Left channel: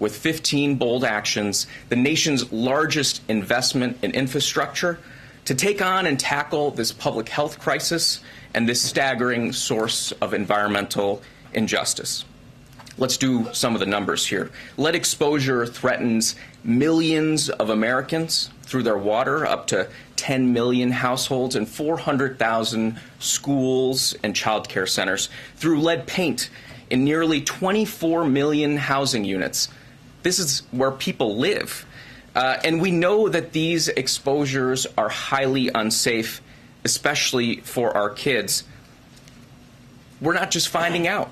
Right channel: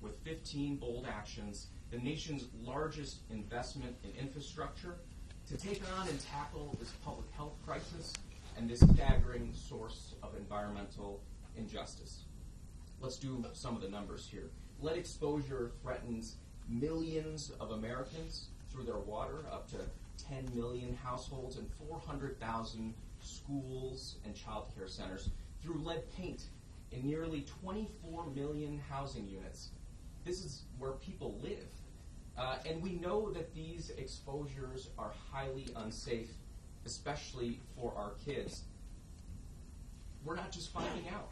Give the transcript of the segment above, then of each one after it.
with 15 bold actions, the nation's largest investment in infrastructure, to take on and tackle this public health crisis and this staggering source of environmental injustice. Let's do some of the numbers here. Lead exposure threatens millions of Americans through their water, up to 10 million households and 400,000 schools and child care centers. Through lead paint in nearly 24 million housing units. This is where people live. And we know that these exposures are highly unsafe, especially for our kids. We're not just finding out.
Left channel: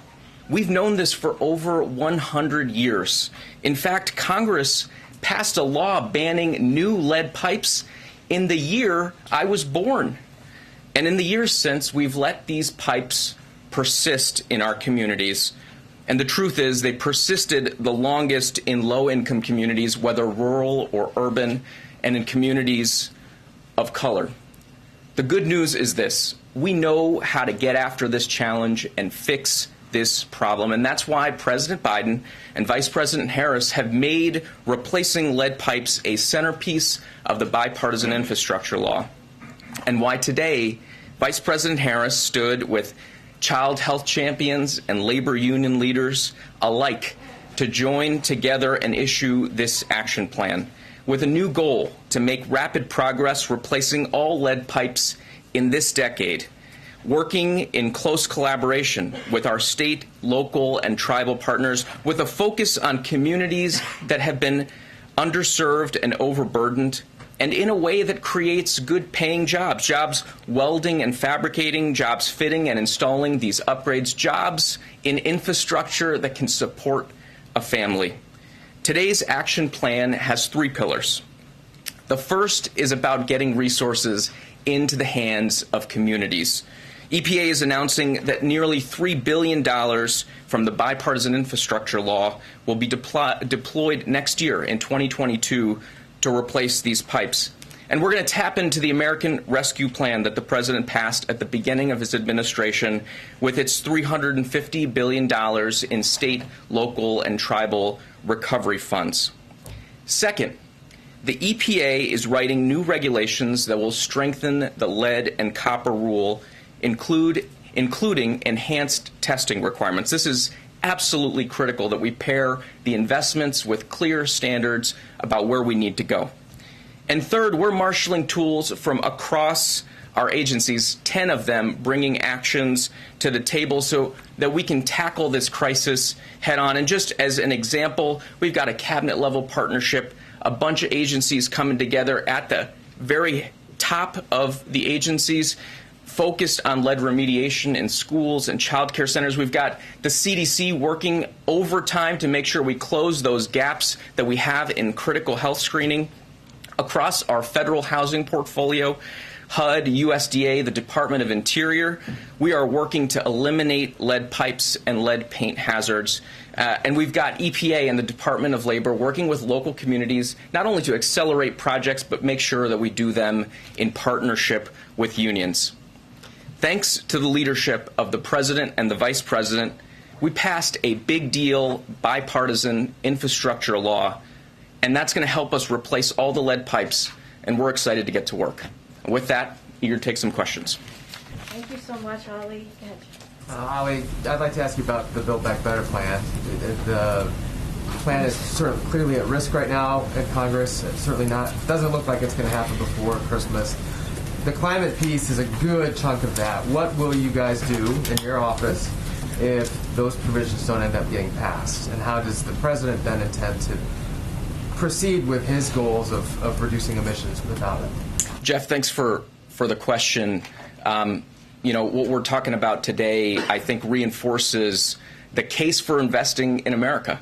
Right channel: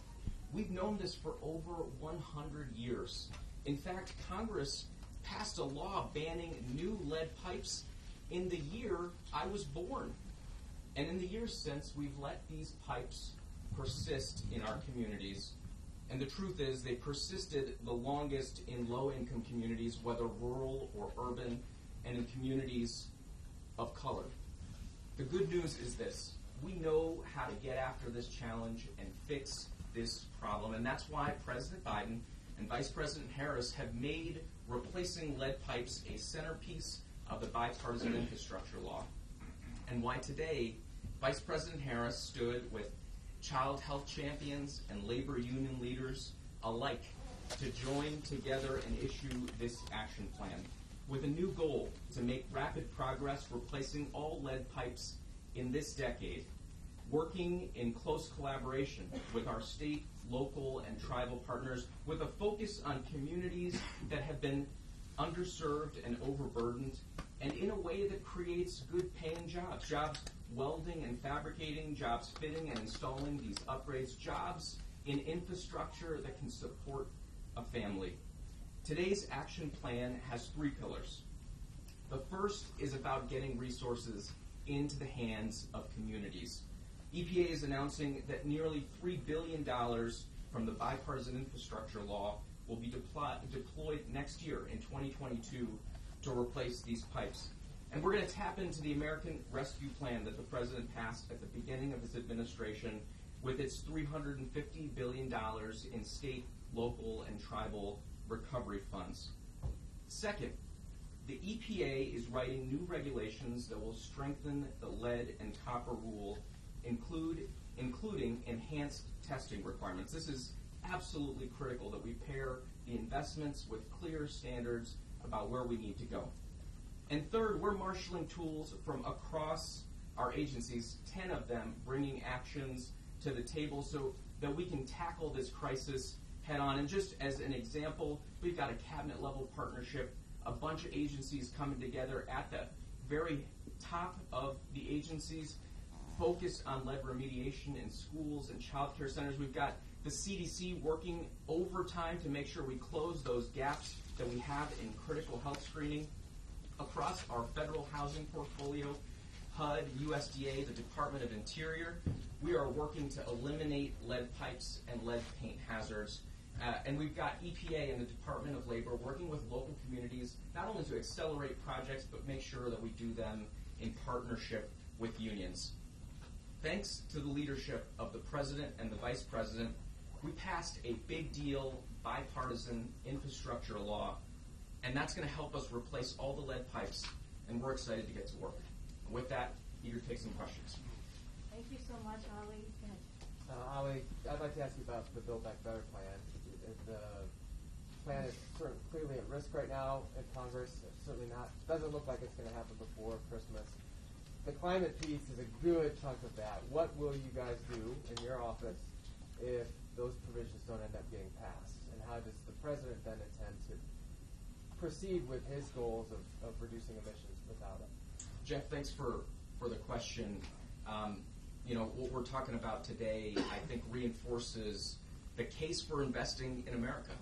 We've known this for over 100 years. In fact, Congress passed a law banning new lead pipes in the year I was born. And in the years since, we've let these pipes persist in our communities. And the truth is, they persisted the longest in low-income communities, whether rural or urban, and in communities of color. The good news is this: we know how to get after this challenge and fix this problem, and that's why President Biden and Vice President Harris have made replacing lead pipes a centerpiece of the bipartisan infrastructure law, and why today Vice President Harris stood with child health champions and labor union leaders alike to join together and issue this action plan with a new goal to make rapid progress replacing all lead pipes in this decade, working in close collaboration with our state, local, and tribal partners with a focus on communities that have been underserved and overburdened, and in a way that creates good-paying jobs, jobs welding and fabricating, jobs fitting and installing these upgrades, jobs in infrastructure that can support a family. Today's action plan has 3 pillars. The first is about getting resources into the hands of communities. EPA is announcing that nearly $3 billion from the bipartisan infrastructure law will be deployed next year in 2022 to replace these pipes. And we're going to tap into the American Rescue Plan that the President passed at the beginning of his administration with its $350 billion in state, local, and tribal recovery funds. Second, the EPA is writing new regulations that will strengthen the lead and copper rule, including enhanced testing requirements. This is absolutely critical that we pair the investments with clear standards about where we need to go. And third, we're marshaling tools from across our agencies, 10 of them bringing actions to the table so that we can tackle this crisis head on. And just as an example, we've got a cabinet-level partnership, a bunch of agencies coming together at the very top of the agencies, focused on lead remediation in schools and child care centers. We've got the CDC working overtime to make sure we close those gaps that we have in critical health screening. Across our federal housing portfolio, HUD, USDA, the Department of Interior, we are working to eliminate lead pipes and lead paint hazards. And we've got EPA and the Department of Labor working with local communities, not only to accelerate projects, but make sure that we do them in partnership with unions. Thanks to the leadership of the President and the Vice President, we passed a big deal bipartisan infrastructure law, and that's going to help us replace all the lead pipes, and we're excited to get to work. And with that, eager to take some questions. Thank you so much, Ali. Ali, I'd like to ask you about the Build Back Better plan. The plan is sort of clearly at risk right now in Congress. It's certainly not, doesn't look like it's going to happen before Christmas. The climate piece is a good chunk of that. What will you guys do in your office if those provisions don't end up getting passed? And how does the President then intend to proceed with his goals of reducing emissions without it? Jeff, thanks for the question. You know, what we're talking about today, I think, reinforces the case for investing in America.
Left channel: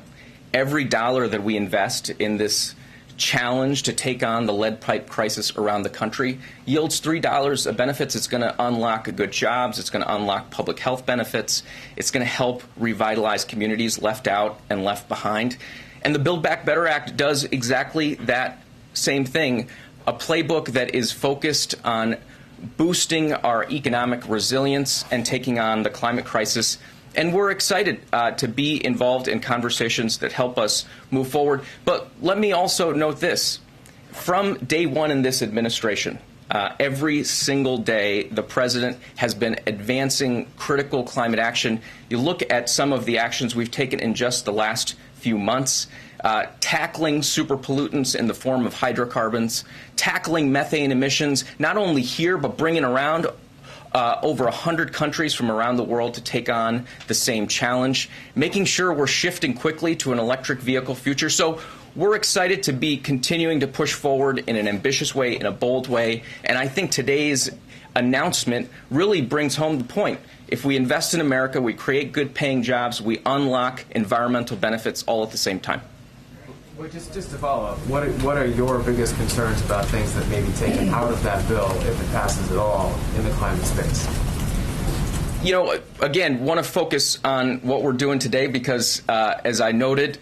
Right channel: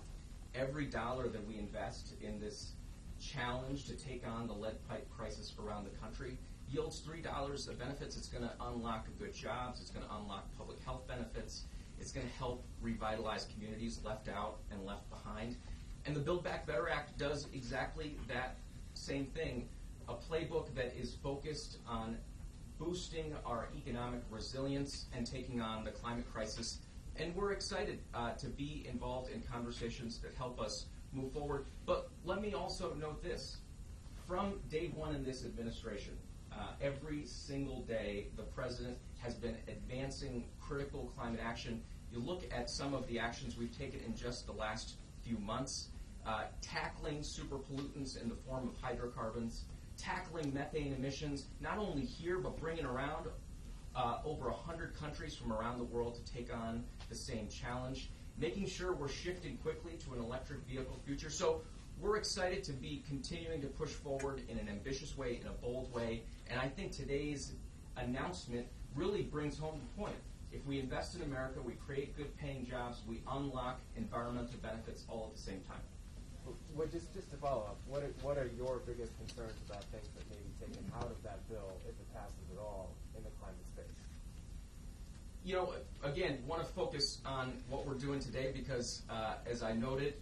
Every dollar that we invest in this challenge to take on the lead pipe crisis around the country yields $3 of benefits. It's going to unlock good jobs. It's going to unlock public health benefits. It's going to help revitalize communities left out and left behind. And the Build Back Better Act does exactly that same thing, a playbook that is focused on boosting our economic resilience and taking on the climate crisis And we're excited to be involved in conversations that help us move forward. But let me also note this. From day one in this administration, every single day, the president has been advancing critical climate action. You look at some of the actions we've taken in just the last few months, tackling superpollutants in the form of hydrocarbons, tackling methane emissions, not only here, but bringing around over 100 countries from around the world to take on the same challenge, making sure we're shifting quickly to an electric vehicle future. So we're excited to be continuing to push forward in an ambitious way, in a bold way, and I think today's announcement really brings home the point. If we invest in America, we create good-paying jobs, we unlock environmental benefits all at the same time. Well, just to follow up, what are your biggest concerns about things that may be taken out of that bill, if it passes at all, in the climate space? You know, again, want to focus on what we're doing today because, as I noted,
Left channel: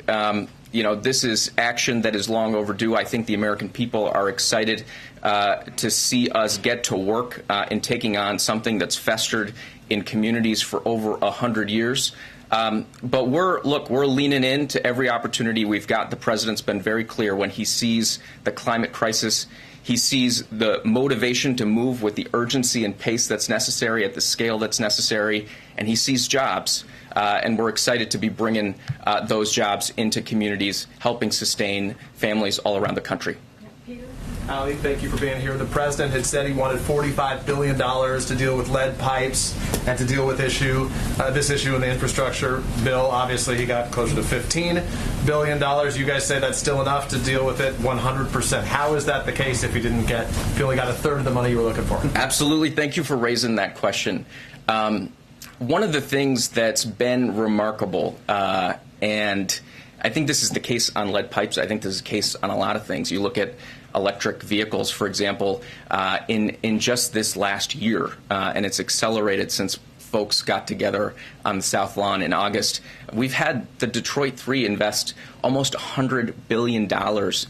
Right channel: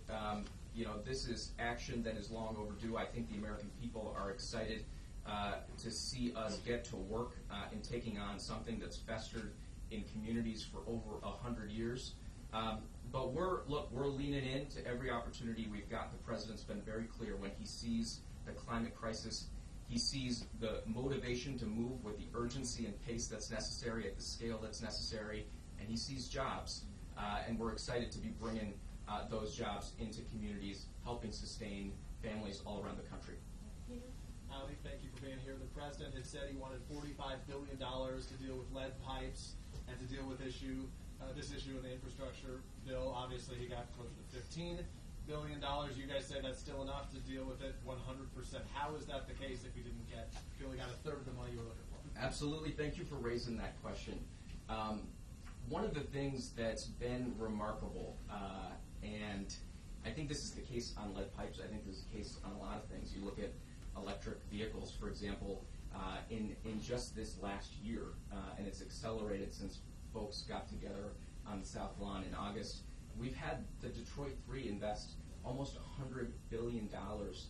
you know, this is action that is long overdue. I think the American people are excited to see us get to work in taking on something that's festered in communities for over 100 years. But we're leaning into every opportunity we've got. The president's been very clear when he sees the climate crisis. He sees the motivation to move with the urgency and pace that's necessary at the scale that's necessary, and he sees jobs. And we're excited to be bringing those jobs into communities, helping sustain families all around the country. Ali, thank you for being here. The president had said he wanted $45 billion to deal with lead pipes and to deal with this issue in the infrastructure bill. Obviously, he got closer to $15 billion. You guys say that's still enough to deal with it 100%. How is that the case if you only got a third of the money you were looking for? Absolutely. Thank you for raising that question. One of the things that's been remarkable, and I think this is the case on lead pipes, I think this is the case on a lot of things. You look at electric vehicles, for example, in just this last year, and it's accelerated since folks got together on the South Lawn in August. We've had the Detroit 3 invest almost $100 billion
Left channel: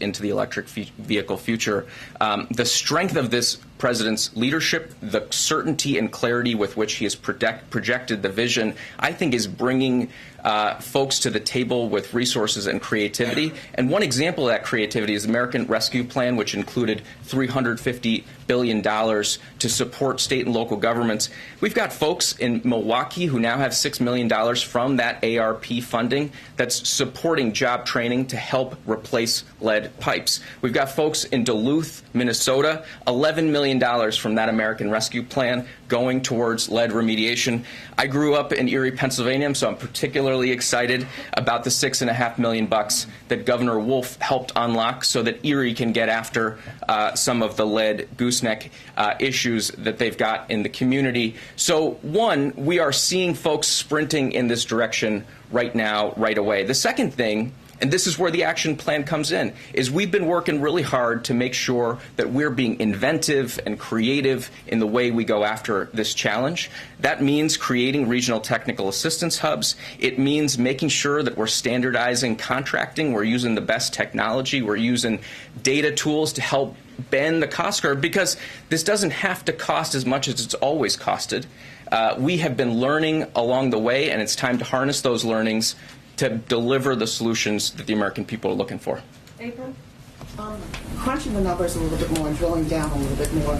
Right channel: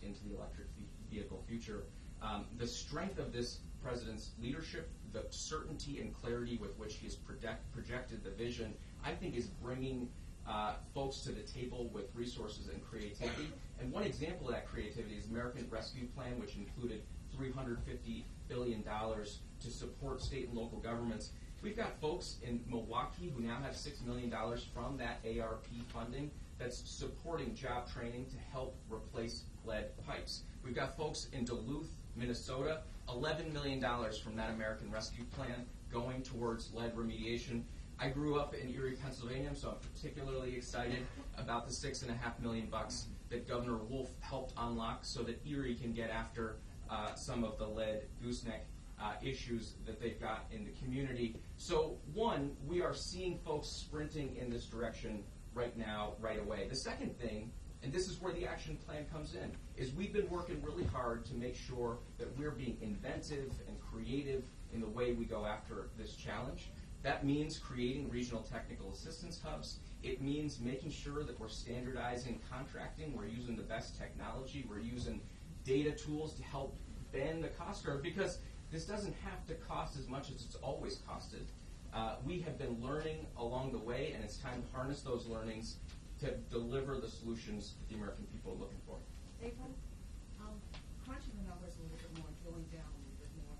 into the electric vehicle future. The strength of this president's leadership, the certainty and clarity with which he has projected the vision, I think is bringing folks to the table with resources and creativity. And one example of that creativity is the American Rescue Plan, which included $350 billion to support state and local governments. We've got folks in Milwaukee who now have $6 million from that ARP funding that's supporting job training to help replace lead pipes. We've got folks in Duluth, Minnesota, $11 million from that American Rescue Plan going towards lead remediation. I grew up in Erie, Pennsylvania, so I'm particularly excited about the $6.5 million that Governor Wolf helped unlock so that Erie can get after some of the lead gooseneck issues that they've got in the community. So, one, we are seeing folks sprinting in this direction right now, right away. The second thing, and this is where the action plan comes in, is we've been working really hard to make sure that we're being inventive and creative in the way we go after this challenge. That means creating regional technical assistance hubs. It means making sure that we're standardizing contracting. We're using the best technology. We're using data tools to help bend the cost curve, because this doesn't have to cost as much as it's always costed. We have been learning along the way, and it's time to harness those learnings to deliver the solutions that the American people are looking for. April? Crunching the numbers a little bit more and drilling down a little bit more,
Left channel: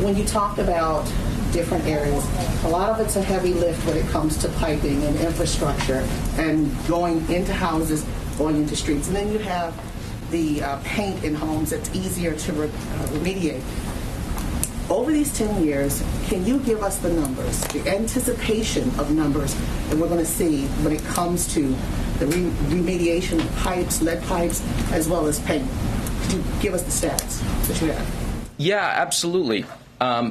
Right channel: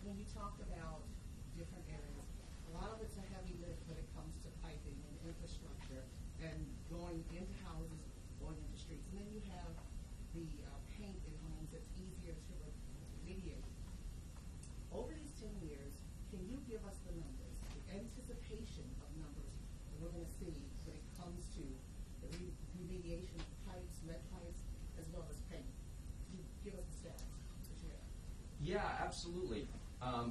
when you talk about different areas, a lot of it's a heavy lift when it comes to piping and infrastructure and going into houses, going into streets. And then you have the paint in homes that's easier to remediate. Over these 10 years, can you give us the numbers, the anticipation of numbers that we're going to see when it comes to the remediation of pipes, lead pipes, as well as paint? Could you give us the stats that you have? Yeah, absolutely.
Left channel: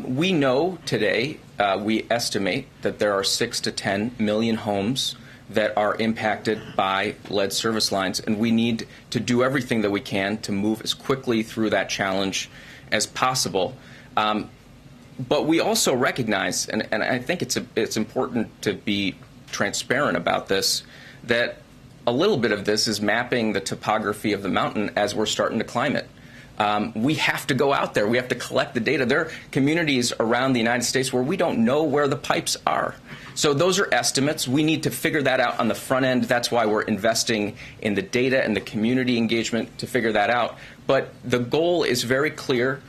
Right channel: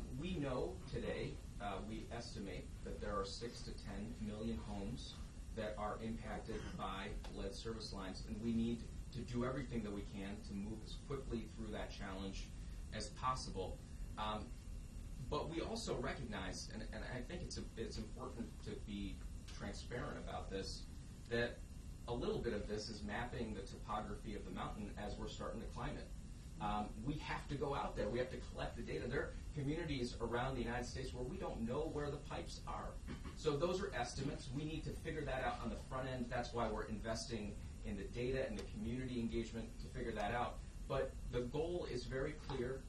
We know today, we estimate that there are 6 to 10 million homes that are impacted by lead service lines, and we need to do everything that we can to move as quickly through that challenge as possible. But we also recognize, and I think it's important to be transparent about this, that a little bit of this is mapping the topography of the mountain as we're starting to climb it. We have to go out there. We have to collect the data. There are communities around the United States where we don't know where the pipes are. So those are estimates. We need to figure that out on the front end. That's why we're investing in the data and the community engagement to figure that out. But the goal is very clear.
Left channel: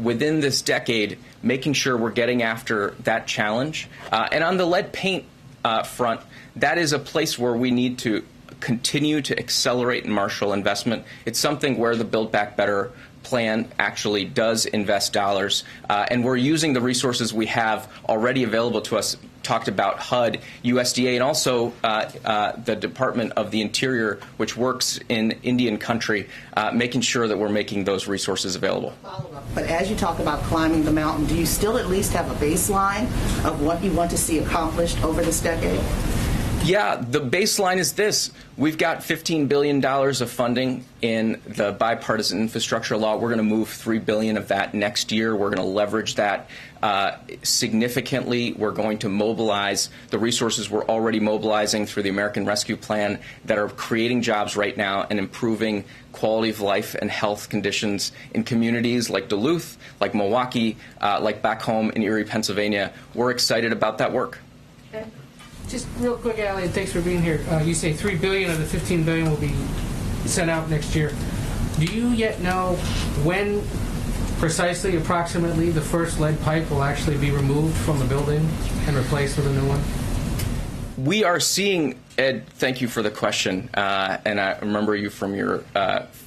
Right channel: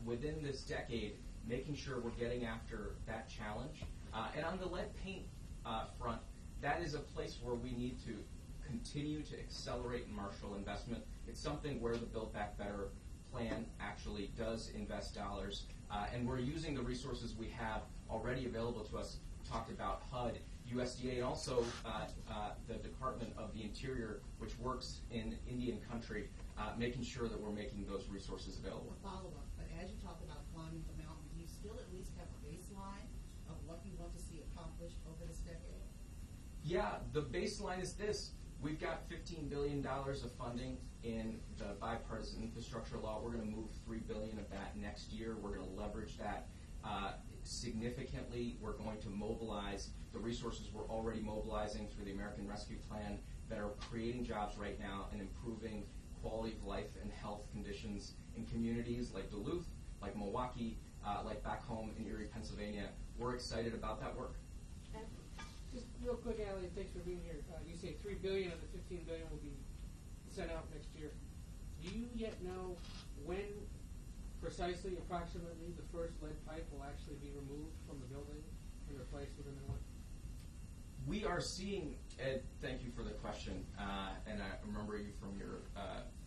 Within this decade, making sure we're getting after that challenge. And on the lead paint front, that is a place where we need to continue to accelerate and marshal investment. It's something where the Build Back Better plan actually does invest dollars, and we're using the resources we have already available to us. Talked about HUD, USDA, and also the Department of the Interior, which works in Indian country, making sure that we're making those resources available. But as you talk about climbing the mountain, do you still at least have a baseline of what you want to see accomplished over this decade? Yeah, the baseline is this. We've got $15 billion of funding in the bipartisan infrastructure law. We're going to move $3 billion of that next year. We're going to leverage that significantly. We're going to mobilize the resources we're already mobilizing through the American Rescue Plan that are creating jobs right now and improving quality of life and health conditions in communities like Duluth, like Milwaukee, like back home in Erie, Pennsylvania. We're excited about that work. Just real quick, Allie, and thanks for being here. You say $3 billion of the $15 billion will be sent out next year. Do you yet know when precisely, approximately, the first lead pipe will actually be removed from the building and replaced with a new one? We are seeing, Ed, thank you for the question, and I remember you from your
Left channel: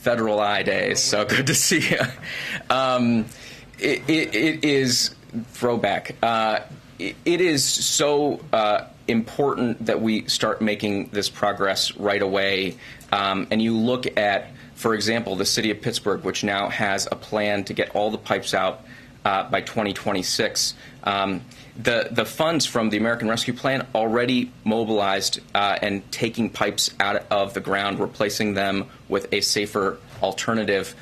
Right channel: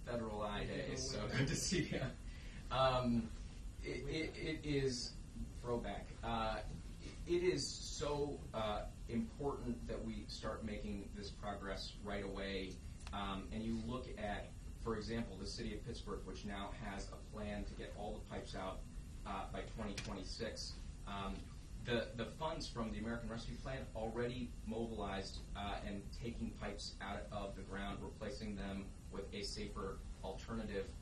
Federal Eye days, so good to see you. It is throwback. It is so important that we start making this progress right away. And you look at, for example, the city of Pittsburgh, which now has a plan to get all the pipes out by 2026. The funds from the American Rescue Plan already mobilized and taking pipes out of the ground, replacing them with a safer alternative.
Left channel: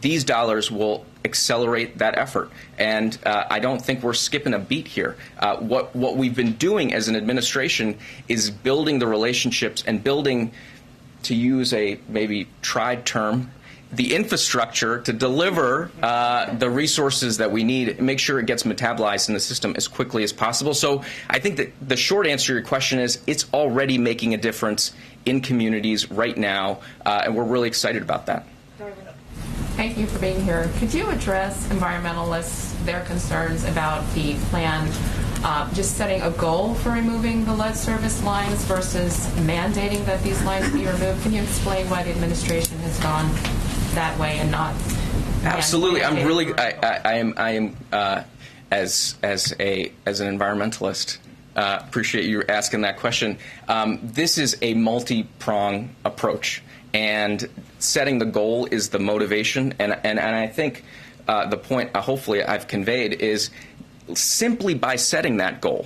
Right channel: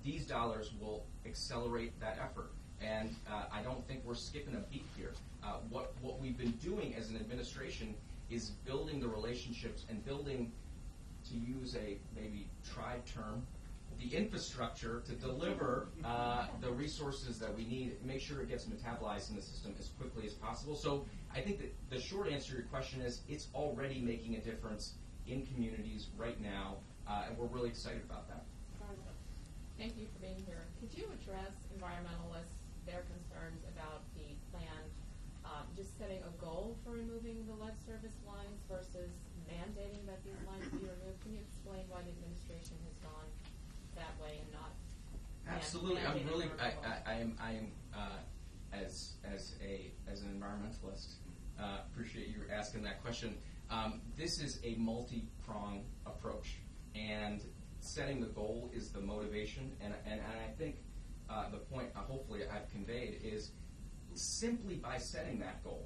These dollars will accelerate that effort, and I don't think we're skipping a beat here. What we've been doing as an administration is building the relationships and building, to use a maybe tried term, the infrastructure to deliver the resources that we need and make sure it gets metabolized in the system as quickly as possible. So I think that the short answer to your question is it's already making a difference in communities right now, and we're really excited about that. Thank you for being here. Could you address environmentalists, their concerns about the plan just setting a goal for removing the lead service lines versus mandating that these lines be removed? Can you explain why the administration has gone that way and not? Absolutely. I'm really. I am as an environmentalist. Appreciate you asking that question. This is a multi-prong approach, and setting the goal is the motivation. And I think the point, hopefully, I've conveyed is simply by setting that goal,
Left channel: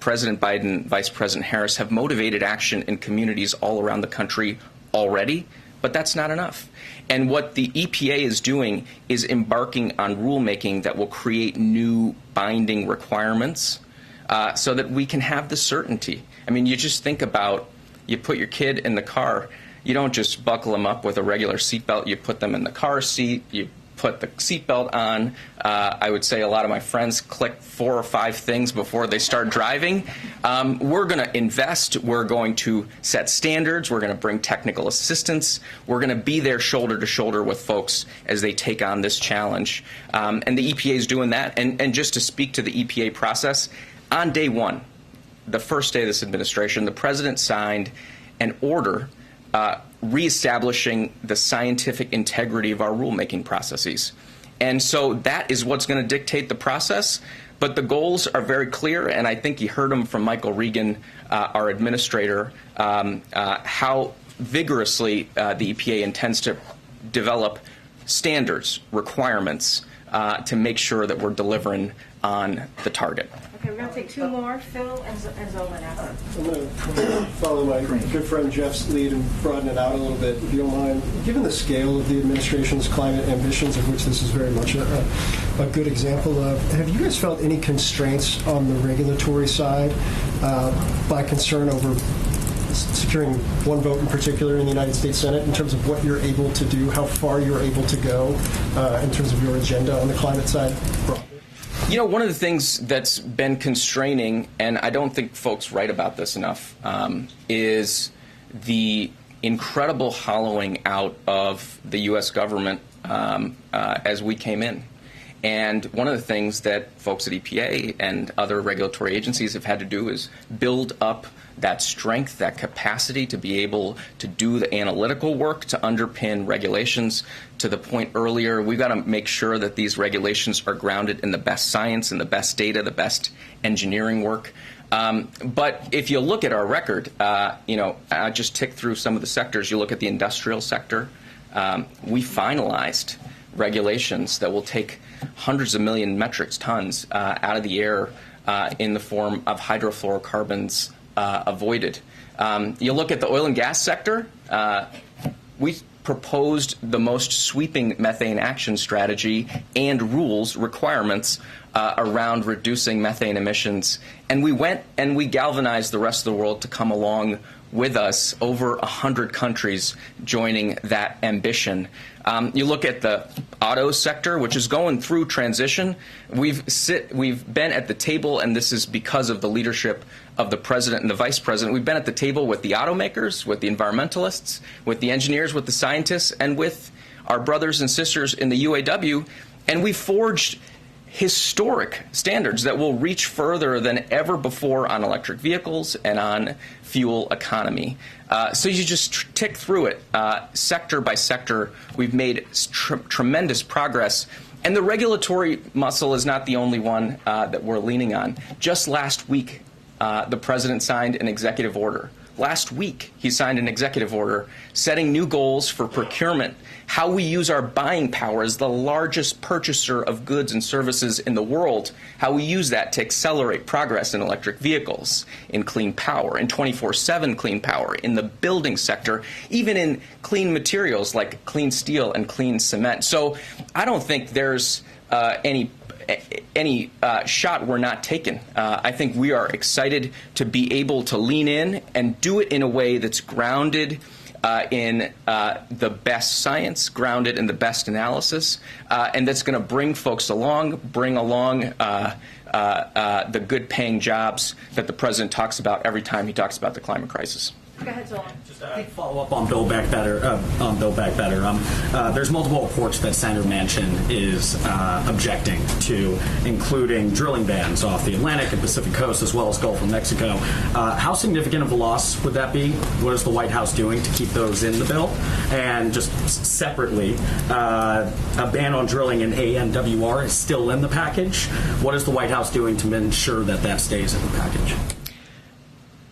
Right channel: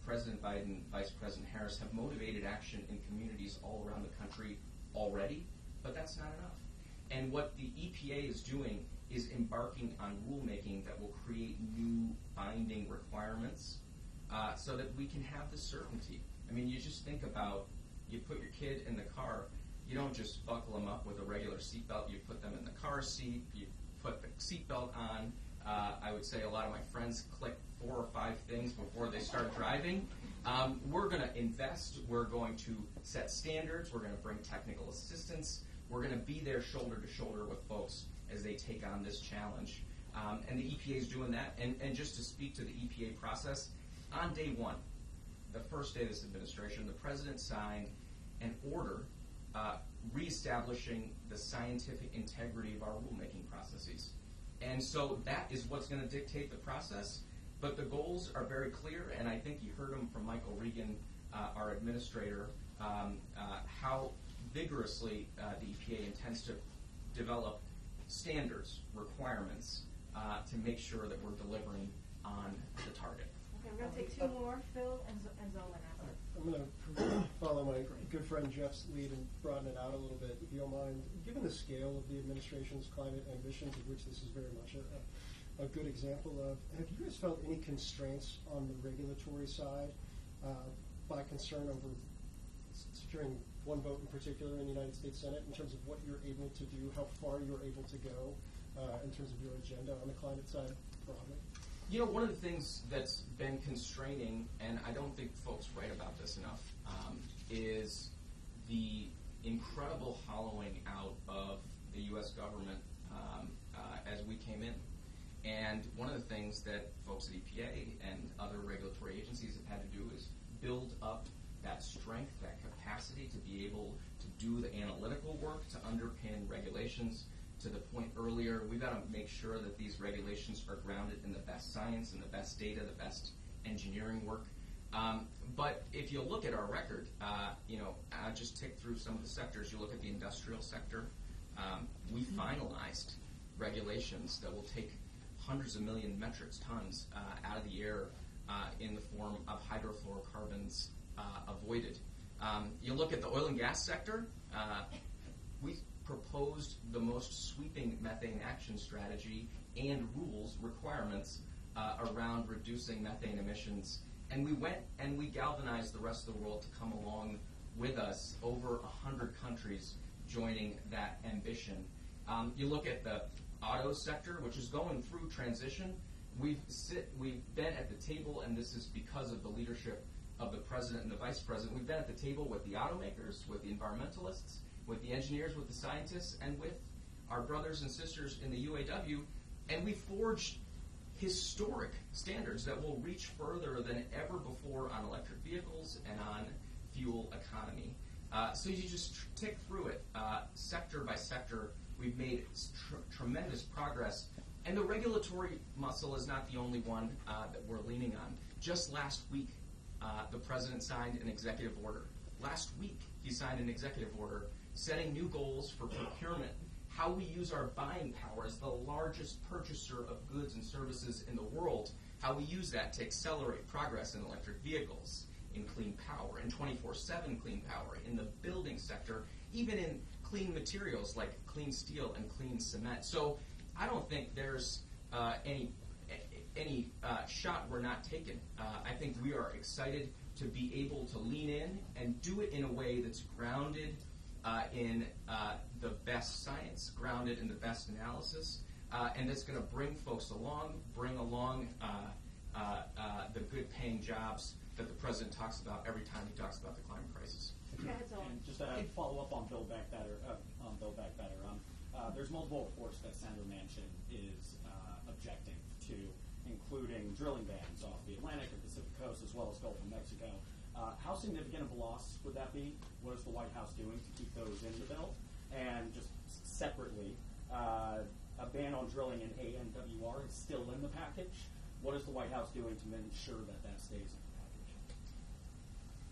President Biden, Vice President Harris have motivated action in communities all around the country already, but that's not enough. And what the EPA is doing is embarking on rulemaking that will create new binding requirements so that we can have the certainty. I mean, you just think about, you put your kid in the car, you don't just buckle them up with a regular seatbelt, you put them in the car seat, you put the seatbelt on. I would say a lot of my friends click 4 or 5 things before they start driving. We're going to invest. We're going to set standards. We're going to bring technical assistance. We're going to be there shoulder to shoulder with folks as they take on this challenge. And the EPA is doing that. And just to speak to the EPA process, on day one, the first day of this administration, the president signed an order reestablishing the scientific integrity of our rulemaking processes. And so that is what's going to dictate the process. But the goals are very clear, and I think you heard them from Michael Regan, our administrator, how vigorously the EPA intends to develop standards, requirements to make sure that we're delivering on the target. Okay, we're going to take 2 more, Phil and Zolan after. I'm going to follow my good friend Jeff's lead and broaden it out a little bit, if you don't mind. Given the scale of the administration's climate ambitions, of which this is very much a good example of, have you guys felt any constraints on the regulatory side by concern over securing one vote in particular in the United States Senate in terms of what you're able to do, how far you're able to go in terms of your agenda on the climate side broadly? You know, one of the things that's been constraining, and I don't think folks write about this enough, is the incredible hollowing out of the U.S. government as we came in. And one of the things that folks at EPA and other regulatory agencies have had to do is build up that strength, that capacity to be able to do the analytical work to underpin regulations. To the point earlier, we've got to make sure that these regulations are grounded in the best science and the best data, the best engineering work. But if you look at our record, I just tick through some of the sectors. You look at the industrial sector, we finalized regulations that will take hundreds of million metric tons out of the air in the form of hydrofluorocarbons avoided. You look at the oil and gas sector, we proposed the most sweeping methane action strategy and rules requirements around reducing methane emissions. And we went and we galvanized the rest of the world to come along with us, over 100 countries joining that ambition. You look at the auto sector, which is going through transition. We've been at the table, and this is because of the leadership of the president and the vice president. We've been at the table with the automakers, with the environmentalists, with the engineers, with the scientists, and with our brothers and sisters in the UAW, and we forged historic standards that will reach further than ever before on electric vehicles and on fuel economy. So you just tick through it, sector by sector. We've made tremendous progress. And the regulatory muscle is not the only one that we're leaning on. Just last week, the president signed an executive order. Last week, he signed an executive order setting new goals for procurement, how we use our buying power as the largest purchaser of goods and services in the world, how we use that to accelerate progress in electric vehicles, in clean power, in 24/7 clean power, in the building sector, even in clean materials like clean steel and clean cement. So I don't think there's any shot we're not taking. I think we are excited to be able to lean in and do it in a way that's grounded in the best science, grounded in the best analysis, and that's going to bring folks along, bring along the good-paying jobs that the president talks about every time he talks about the climate crisis. Go ahead, Zolan. Just a follow up on Build Back Better. There's multiple reports that Senator Manchin is objecting to, including drilling bans off the Atlantic and Pacific coast, as well as Gulf of Mexico. How significant of a loss would that be? What is the White House doing to keep those in the bill? And just separately, a ban on drilling in ANWR is still in the package. What is the White House doing to ensure that that stays in the package?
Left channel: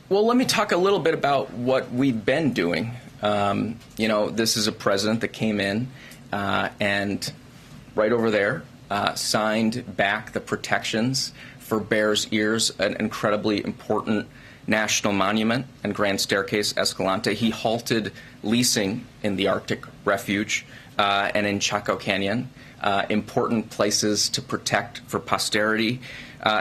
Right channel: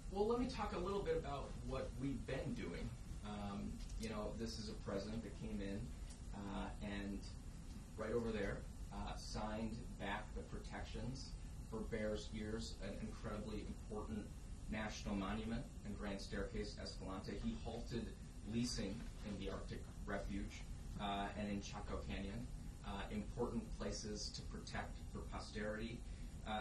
Well, let me talk a little bit about what we've been doing. This is a president that came in and right over there signed back the protections for Bears Ears, an incredibly important national monument and Grand Staircase Escalante. He halted leasing in the Arctic Refuge and in Chaco Canyon, important places to protect for posterity.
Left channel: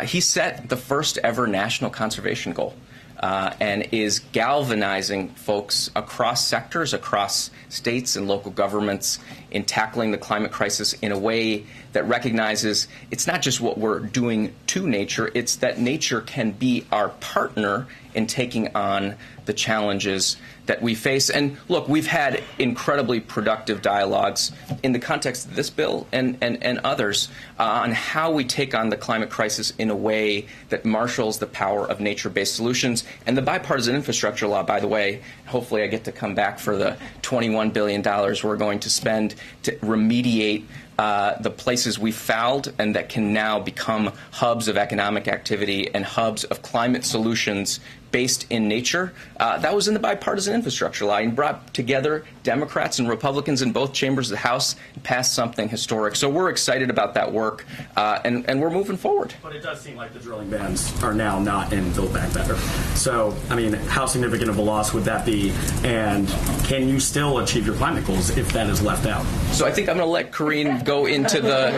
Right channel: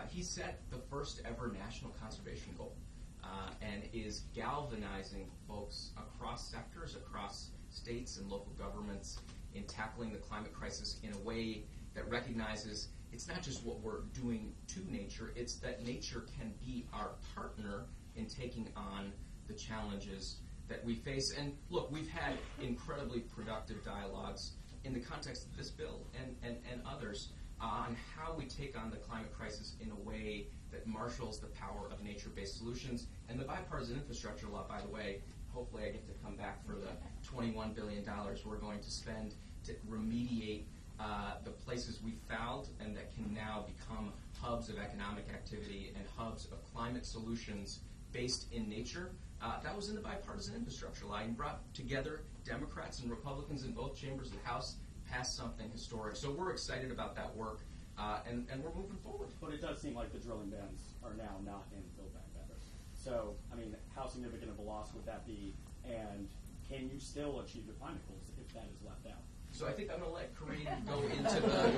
He set the first ever national conservation goal. And is galvanizing folks across sectors, across states and local governments in tackling the climate crisis in a way that recognizes it's not just what we're doing to nature, it's that nature can be our partner in taking on the challenges that we face. And look, we've had incredibly productive dialogues in the context of this bill and others on how we take on the climate crisis in a way that marshals the power of nature-based solutions. And the bipartisan infrastructure law, by the way, hopefully I get to come back for the $21 billion we're going to spend to remediate the places we fouled and that can now become hubs of economic activity and hubs of climate solutions based in nature. That was in the bipartisan infrastructure law and brought together Democrats and Republicans in both chambers of the House and passed something historic. So we're excited about that work, and we're moving forward. But it does seem like the drilling bans are now not in Build Back Better. So, I mean, how significant of a loss would that be? And can you still achieve your climate goals if that is left out? So I think I'm going to let Karine go into the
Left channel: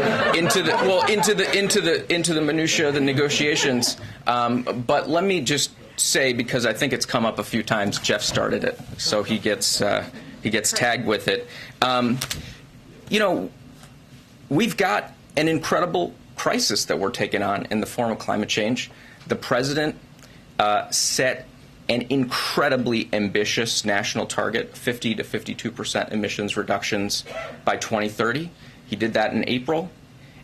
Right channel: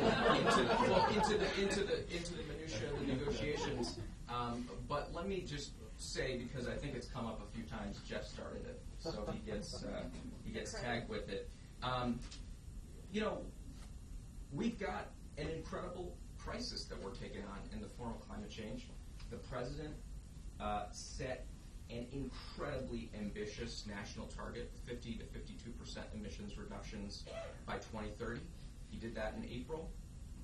minutia of the negotiations. But let me just say, because I think it's come up a few times, Jeff started it, so he gets tagged with it. We've got an incredible crisis that we're taking on in the form of climate change, the president set an incredibly ambitious national target, 50 to 52% emissions reductions by 2030. He did that in April.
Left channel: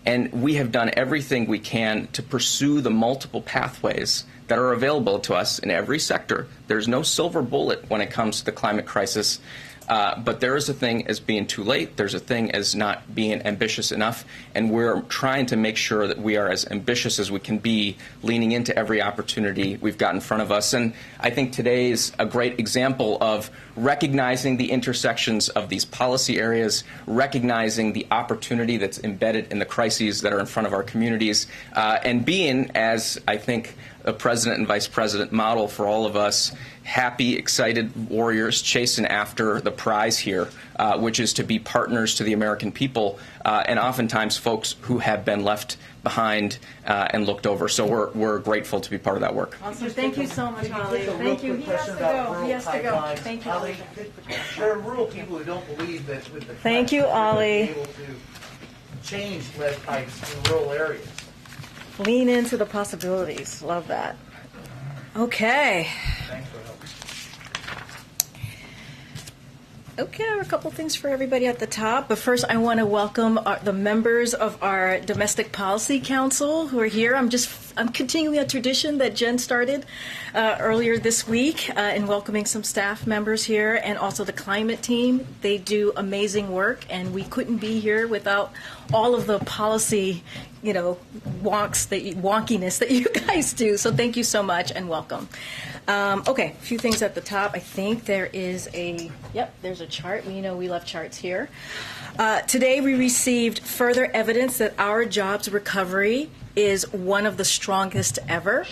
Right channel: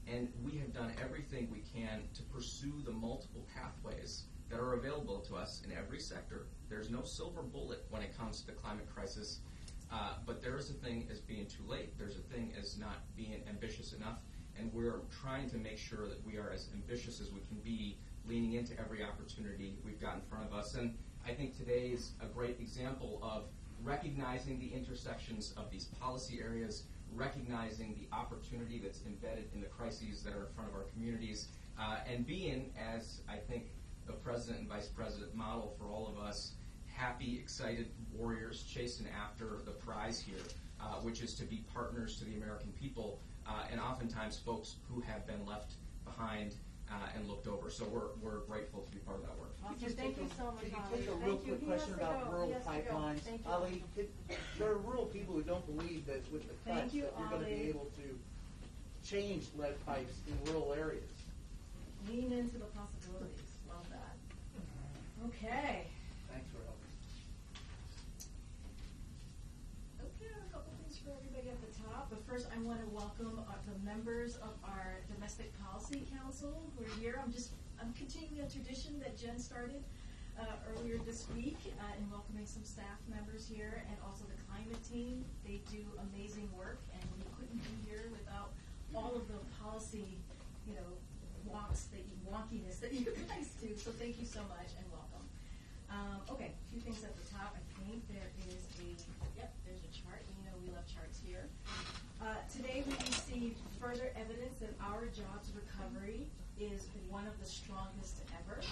And we have done everything we can to pursue the multiple pathways that are available to us in every sector. There's no silver bullet when it comes to the climate crisis. But there is a thing as being too late. There's a thing as not being ambitious enough. And we're trying to make sure that we are as ambitious as we can be, leaning into every opportunity we've got in front of us. And I think today is a great example of recognizing the intersections of these policy areas, recognizing the opportunity that's embedded in the crises that are in front of our communities, and being, as I think a president and vice president model for all of us, happy, excited warriors chasing after the prize here, which is to be partners to the American people, and oftentimes folks who have been left behind and looked over. So we're grateful to be part of that work. Awesome. Thank you so much, Ali. Thank you. He has to go. He has to go. Thank you, Ali. There are rural people who don't believe that with the Thank you, Ali. able to change lead pipes in rural areas. Lean into the possibilities. Love that. Okay. Thanks for helping. Okay, I have a couple things for everybody at the top. But first, I want to welcome the members of our Domestic Policy Council who are here. I'm continuing a tradition that Jen started earlier this week in welcoming some staff members here, and also the climate team. They do amazing work, and we couldn't be here without all of the policy, wonkiness that you guys do. So thank you so much and welcome. Okay, a few things at the top. I think there is there's a chart. We know we love charts here. Today we received further evidence that our jobs recovery is one of the strongest ever.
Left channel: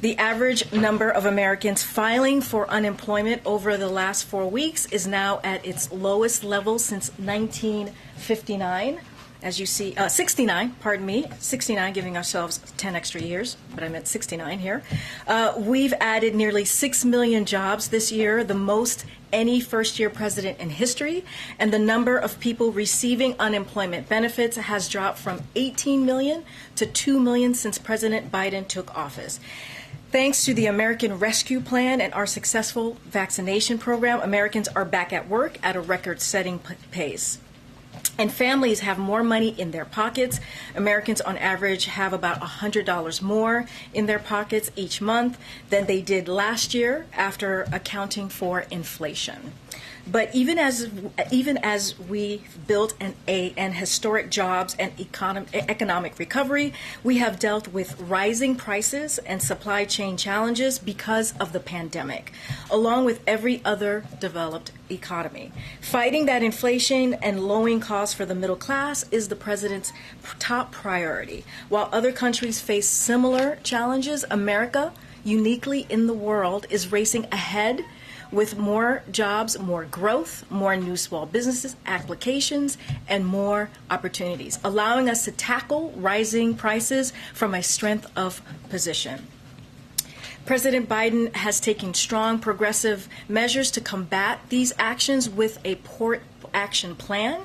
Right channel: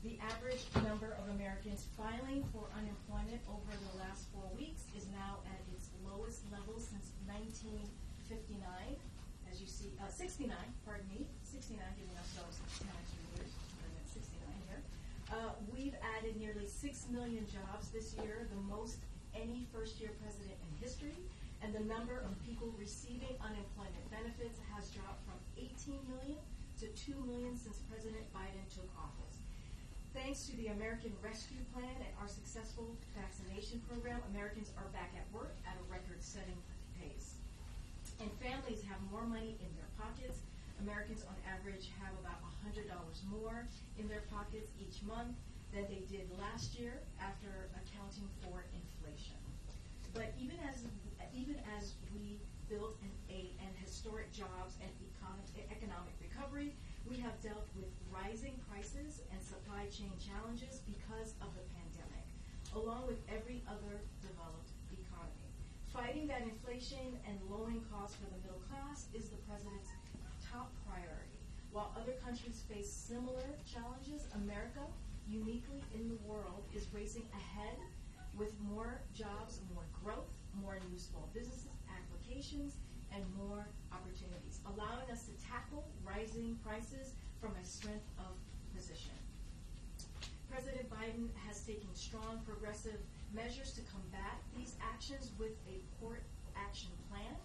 The average number of Americans filing for unemployment over the last 4 weeks is now at its lowest level since 1959. As you see, 69, pardon me, 69, giving ourselves 10 extra years, but I meant 69 here. We've added nearly 6 million jobs this year, the most any first-year president in history, and the number of people receiving unemployment benefits has dropped from 18 million to 2 million since President Biden took office. Thanks to the American Rescue Plan and our successful vaccination program, Americans are back at work at a record-setting pace. And families have more money in their pockets. Americans on average have about $100 more in their pockets each month than they did last year after accounting for inflation. But even as we built an historic jobs and economic recovery, we have dealt with rising prices and supply chain challenges because of the pandemic, along with every other developed economy. Fighting that inflation and lowering costs for the middle class is the president's top priority. While other countries face similar challenges, America, uniquely in the world, is racing ahead with more jobs, more growth, more new small businesses, applications, and more opportunities, allowing us to tackle rising prices from a strength of position. President Biden has taken strong progressive measures to combat these actions with a port action plan,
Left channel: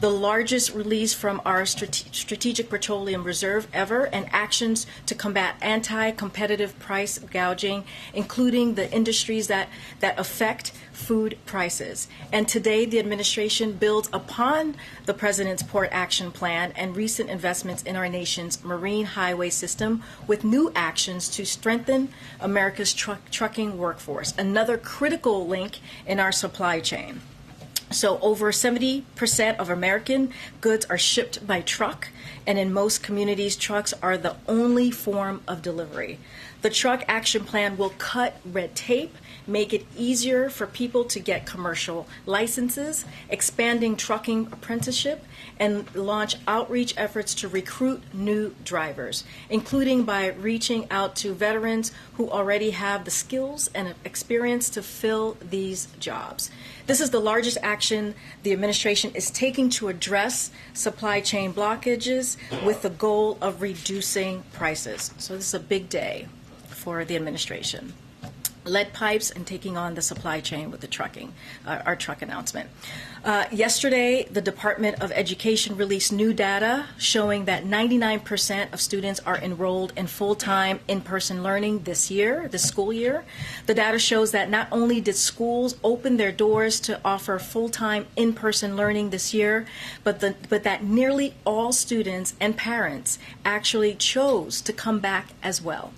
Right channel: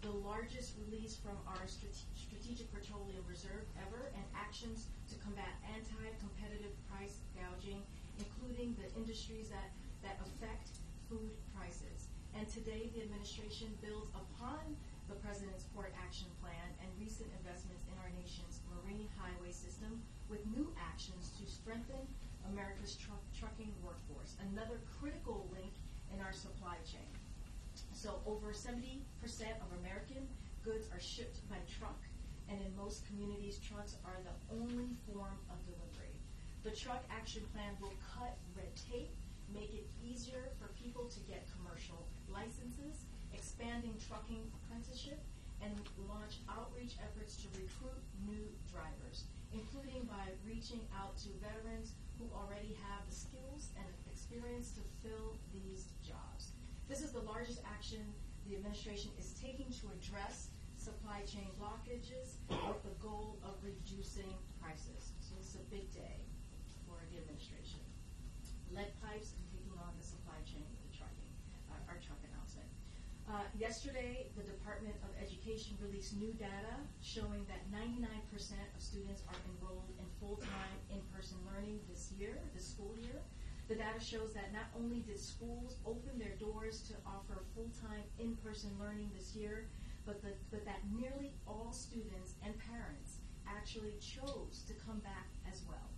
the largest release from our Strategic Petroleum Reserve ever, and actions to combat anti-competitive price gouging, including the industries that affect food prices. And today, the administration builds upon the president's port action plan and recent investments in our nation's marine highway system with new actions to strengthen America's trucking workforce, another critical link in our supply chain. So over 70% of American goods are shipped by truck, and in most communities, trucks are the only form of delivery. The Truck Action Plan will cut red tape, make it easier for people to get commercial licenses, expanding trucking apprenticeship, and launch outreach efforts to recruit new drivers, including by reaching out to veterans who already have the skills and experience to fill these jobs. This is the largest action the administration is taking to address supply chain blockages with the goal of reducing prices. So this is a big day for the administration. lead pipes and taking on the supply chain with the trucking, our truck announcement. Yesterday, the Department of Education released new data showing that 99% of students are enrolled in full-time in-person learning this school year. The data shows that not only did schools open their doors to offer full-time in-person learning this year, but that nearly all students and parents actually chose to come back as well.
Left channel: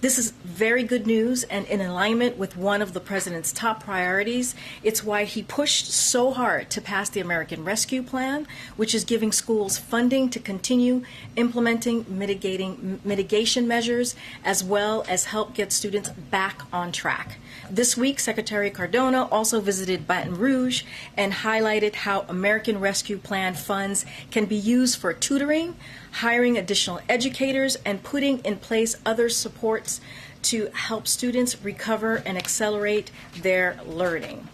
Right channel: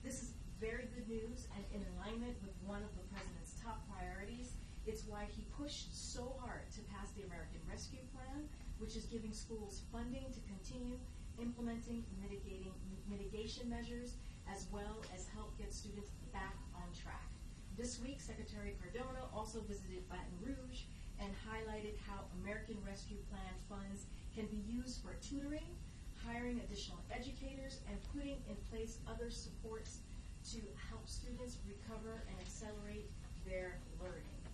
This is very good news and in alignment with one of the president's top priorities. It's why he pushed so hard to pass the American Rescue Plan, which is giving schools funding to continue implementing mitigation measures, as well as help get students back on track. This week, Secretary Cardona also visited Baton Rouge and highlighted how American Rescue Plan funds can be used for tutoring, hiring additional educators, and putting in place other supports to help students recover and accelerate their learning.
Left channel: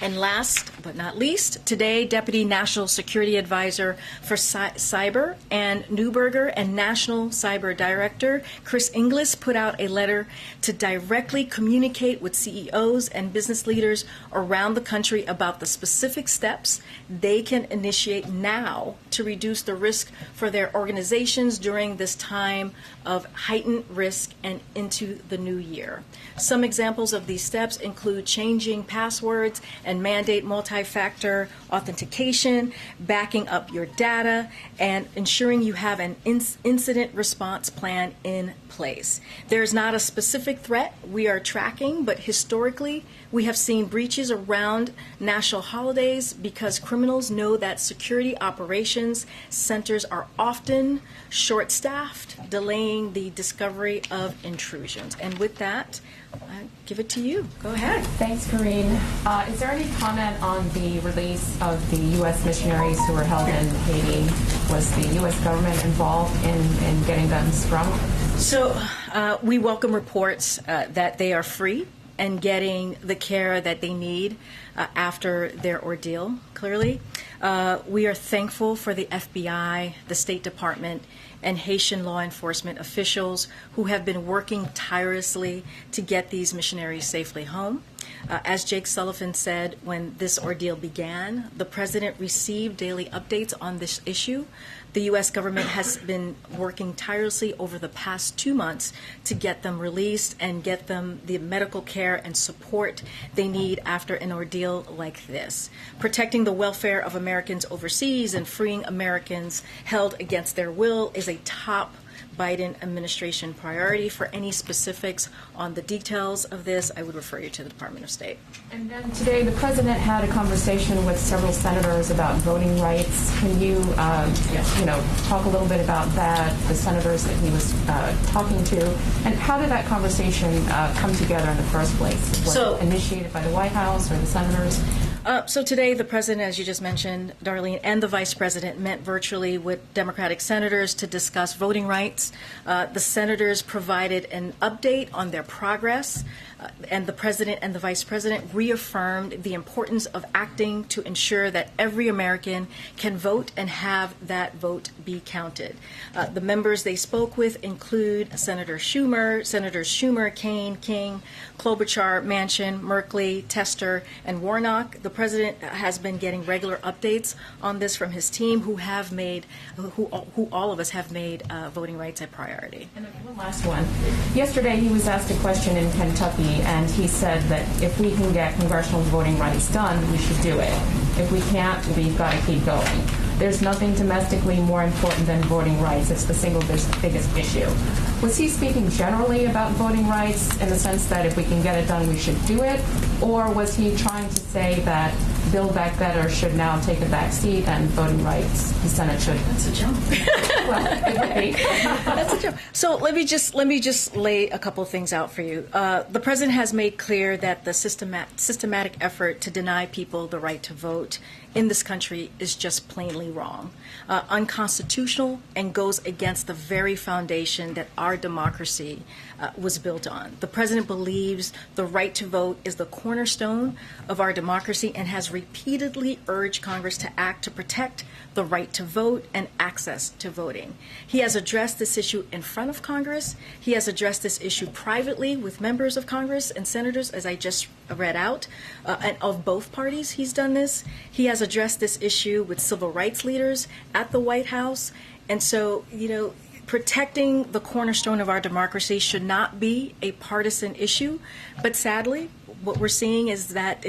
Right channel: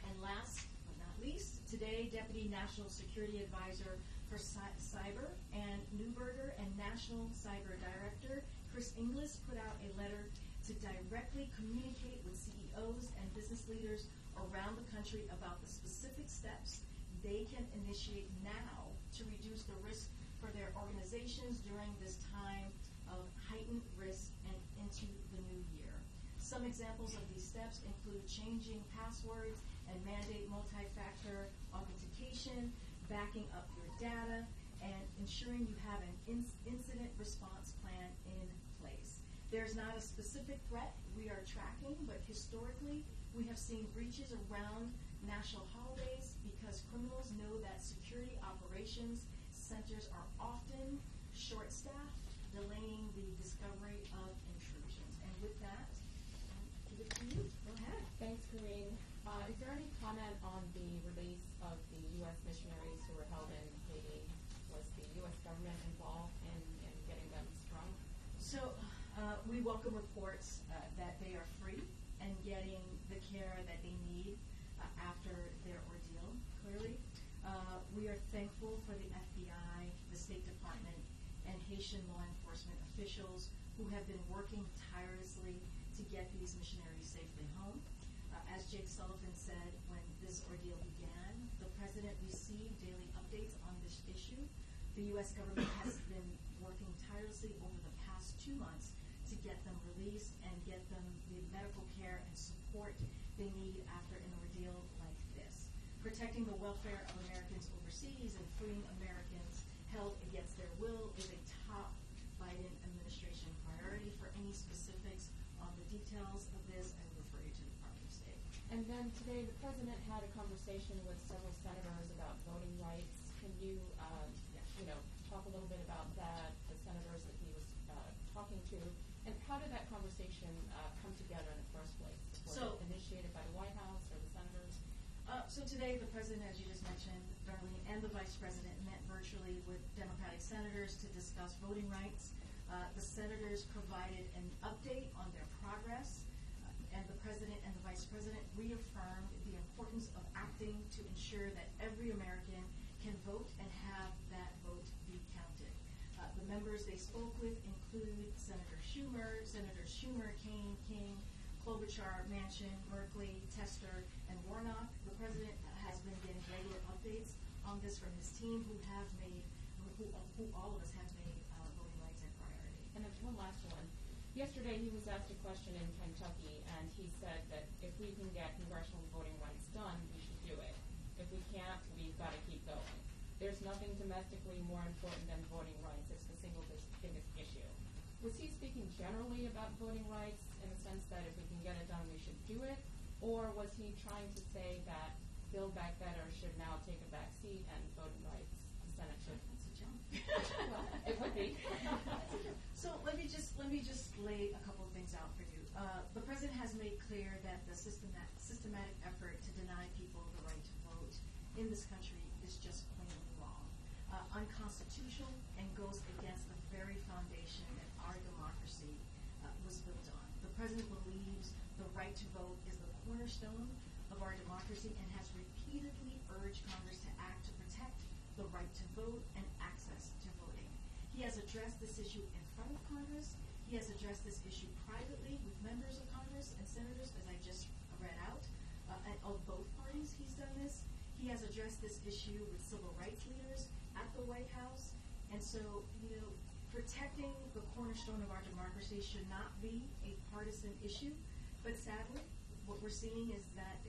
And last but not least, today, Deputy National Security Advisor for Cyber Ann Neuberger and National Cyber Director Chris Inglis put out a letter to directly communicate with CEOs and business leaders around the country about the specific steps they can initiate now to reduce the risk for their organizations during this time of heightened risk and into the new year. Some examples of these steps include changing passwords and mandate multi-factor authentication, backing up your data, and ensuring you have an incident response plan in place. There's not a specific threat we are tracking, but historically, we have seen breaches around national holidays because criminals know that security operations centers are often short-staffed, delaying the discovery of intrusions. And with that, I give it to you. Go ahead. Thanks, Karine. Is there any comment on the release of the U.S. missionaries who were held in Haiti? Was the U.S. government involved in getting them sprung? So we welcome reports that they are free and getting the care that they need after their ordeal, clearly. We are thankful for the FBI, the State Department, and Haitian law enforcement officials who have been working tirelessly to get these missionaries safely home. As Jake Sullivan said when this ordeal began, the president received daily updates on this issue. The U.S. government has been working tirelessly over the past 2 months to get them released and get them the medical care and support they need after an ordeal like this. Protecting the welfare of Americans overseas and freeing Americans held against their will is a top Biden administration priority. For any specifics on the details of this, I would refer you to the Department of State. And then today, the president had a conversation with several senators about voting rights. Can you, talk a little bit about that, the senators that he was talking to, and how did that conversation come together in the first place? Was it initiated by the White House or the senators? So today, the president, as you just mentioned, Darlene, and the vice president met virtually with Democratic senators to discuss voting rights. The senators provided an update on their progress, and the president and the vice president reaffirmed the importance of acting to ensure that every American can vote and have that vote be counted. The members they spoke with include Senators Schumer, Kaine, King, Klobuchar, Manchin, Merkley, Tester, and Warnock. The president has been getting regular updates on this from his team, who all of us have made voting rights a priority. And one last one. Yesterday, he was asked a question in Kentucky, and he said that if we can get congressional voting rights done, we should do it. If we can't, we've got to keep going. There's nothing domestically more important than voting rights. It's the single biggest issue. Was he speaking generally about voting rights in the sense that if we can get it done, we should do it? Or was he trying to say that Build Back Better should now take a back seat and voting rights, the Senate should? That's a jump. Well, it would be. That's a jump. So let me just lay a couple of things out for you. The president has made clear that the systematic effort to deny people the right to vote in this country is just plainly wrong, unconstitutional, and goes against the very foundation that our democracy was built on. The president believes the right to vote is the cornerstone of our democracy and has repeatedly urged Congress to act to protect the right to vote and access to voting. He has addressed this issue in front of Congress. He has addressed this issue privately with members of Congress and senators, as I just read out, and of both parties he's done this. He has addressed this issue with civil rights leaders at the White House. And so, protecting the cornerstone of our democracy should not be a partisan issue, but sadly, what we're seeing is that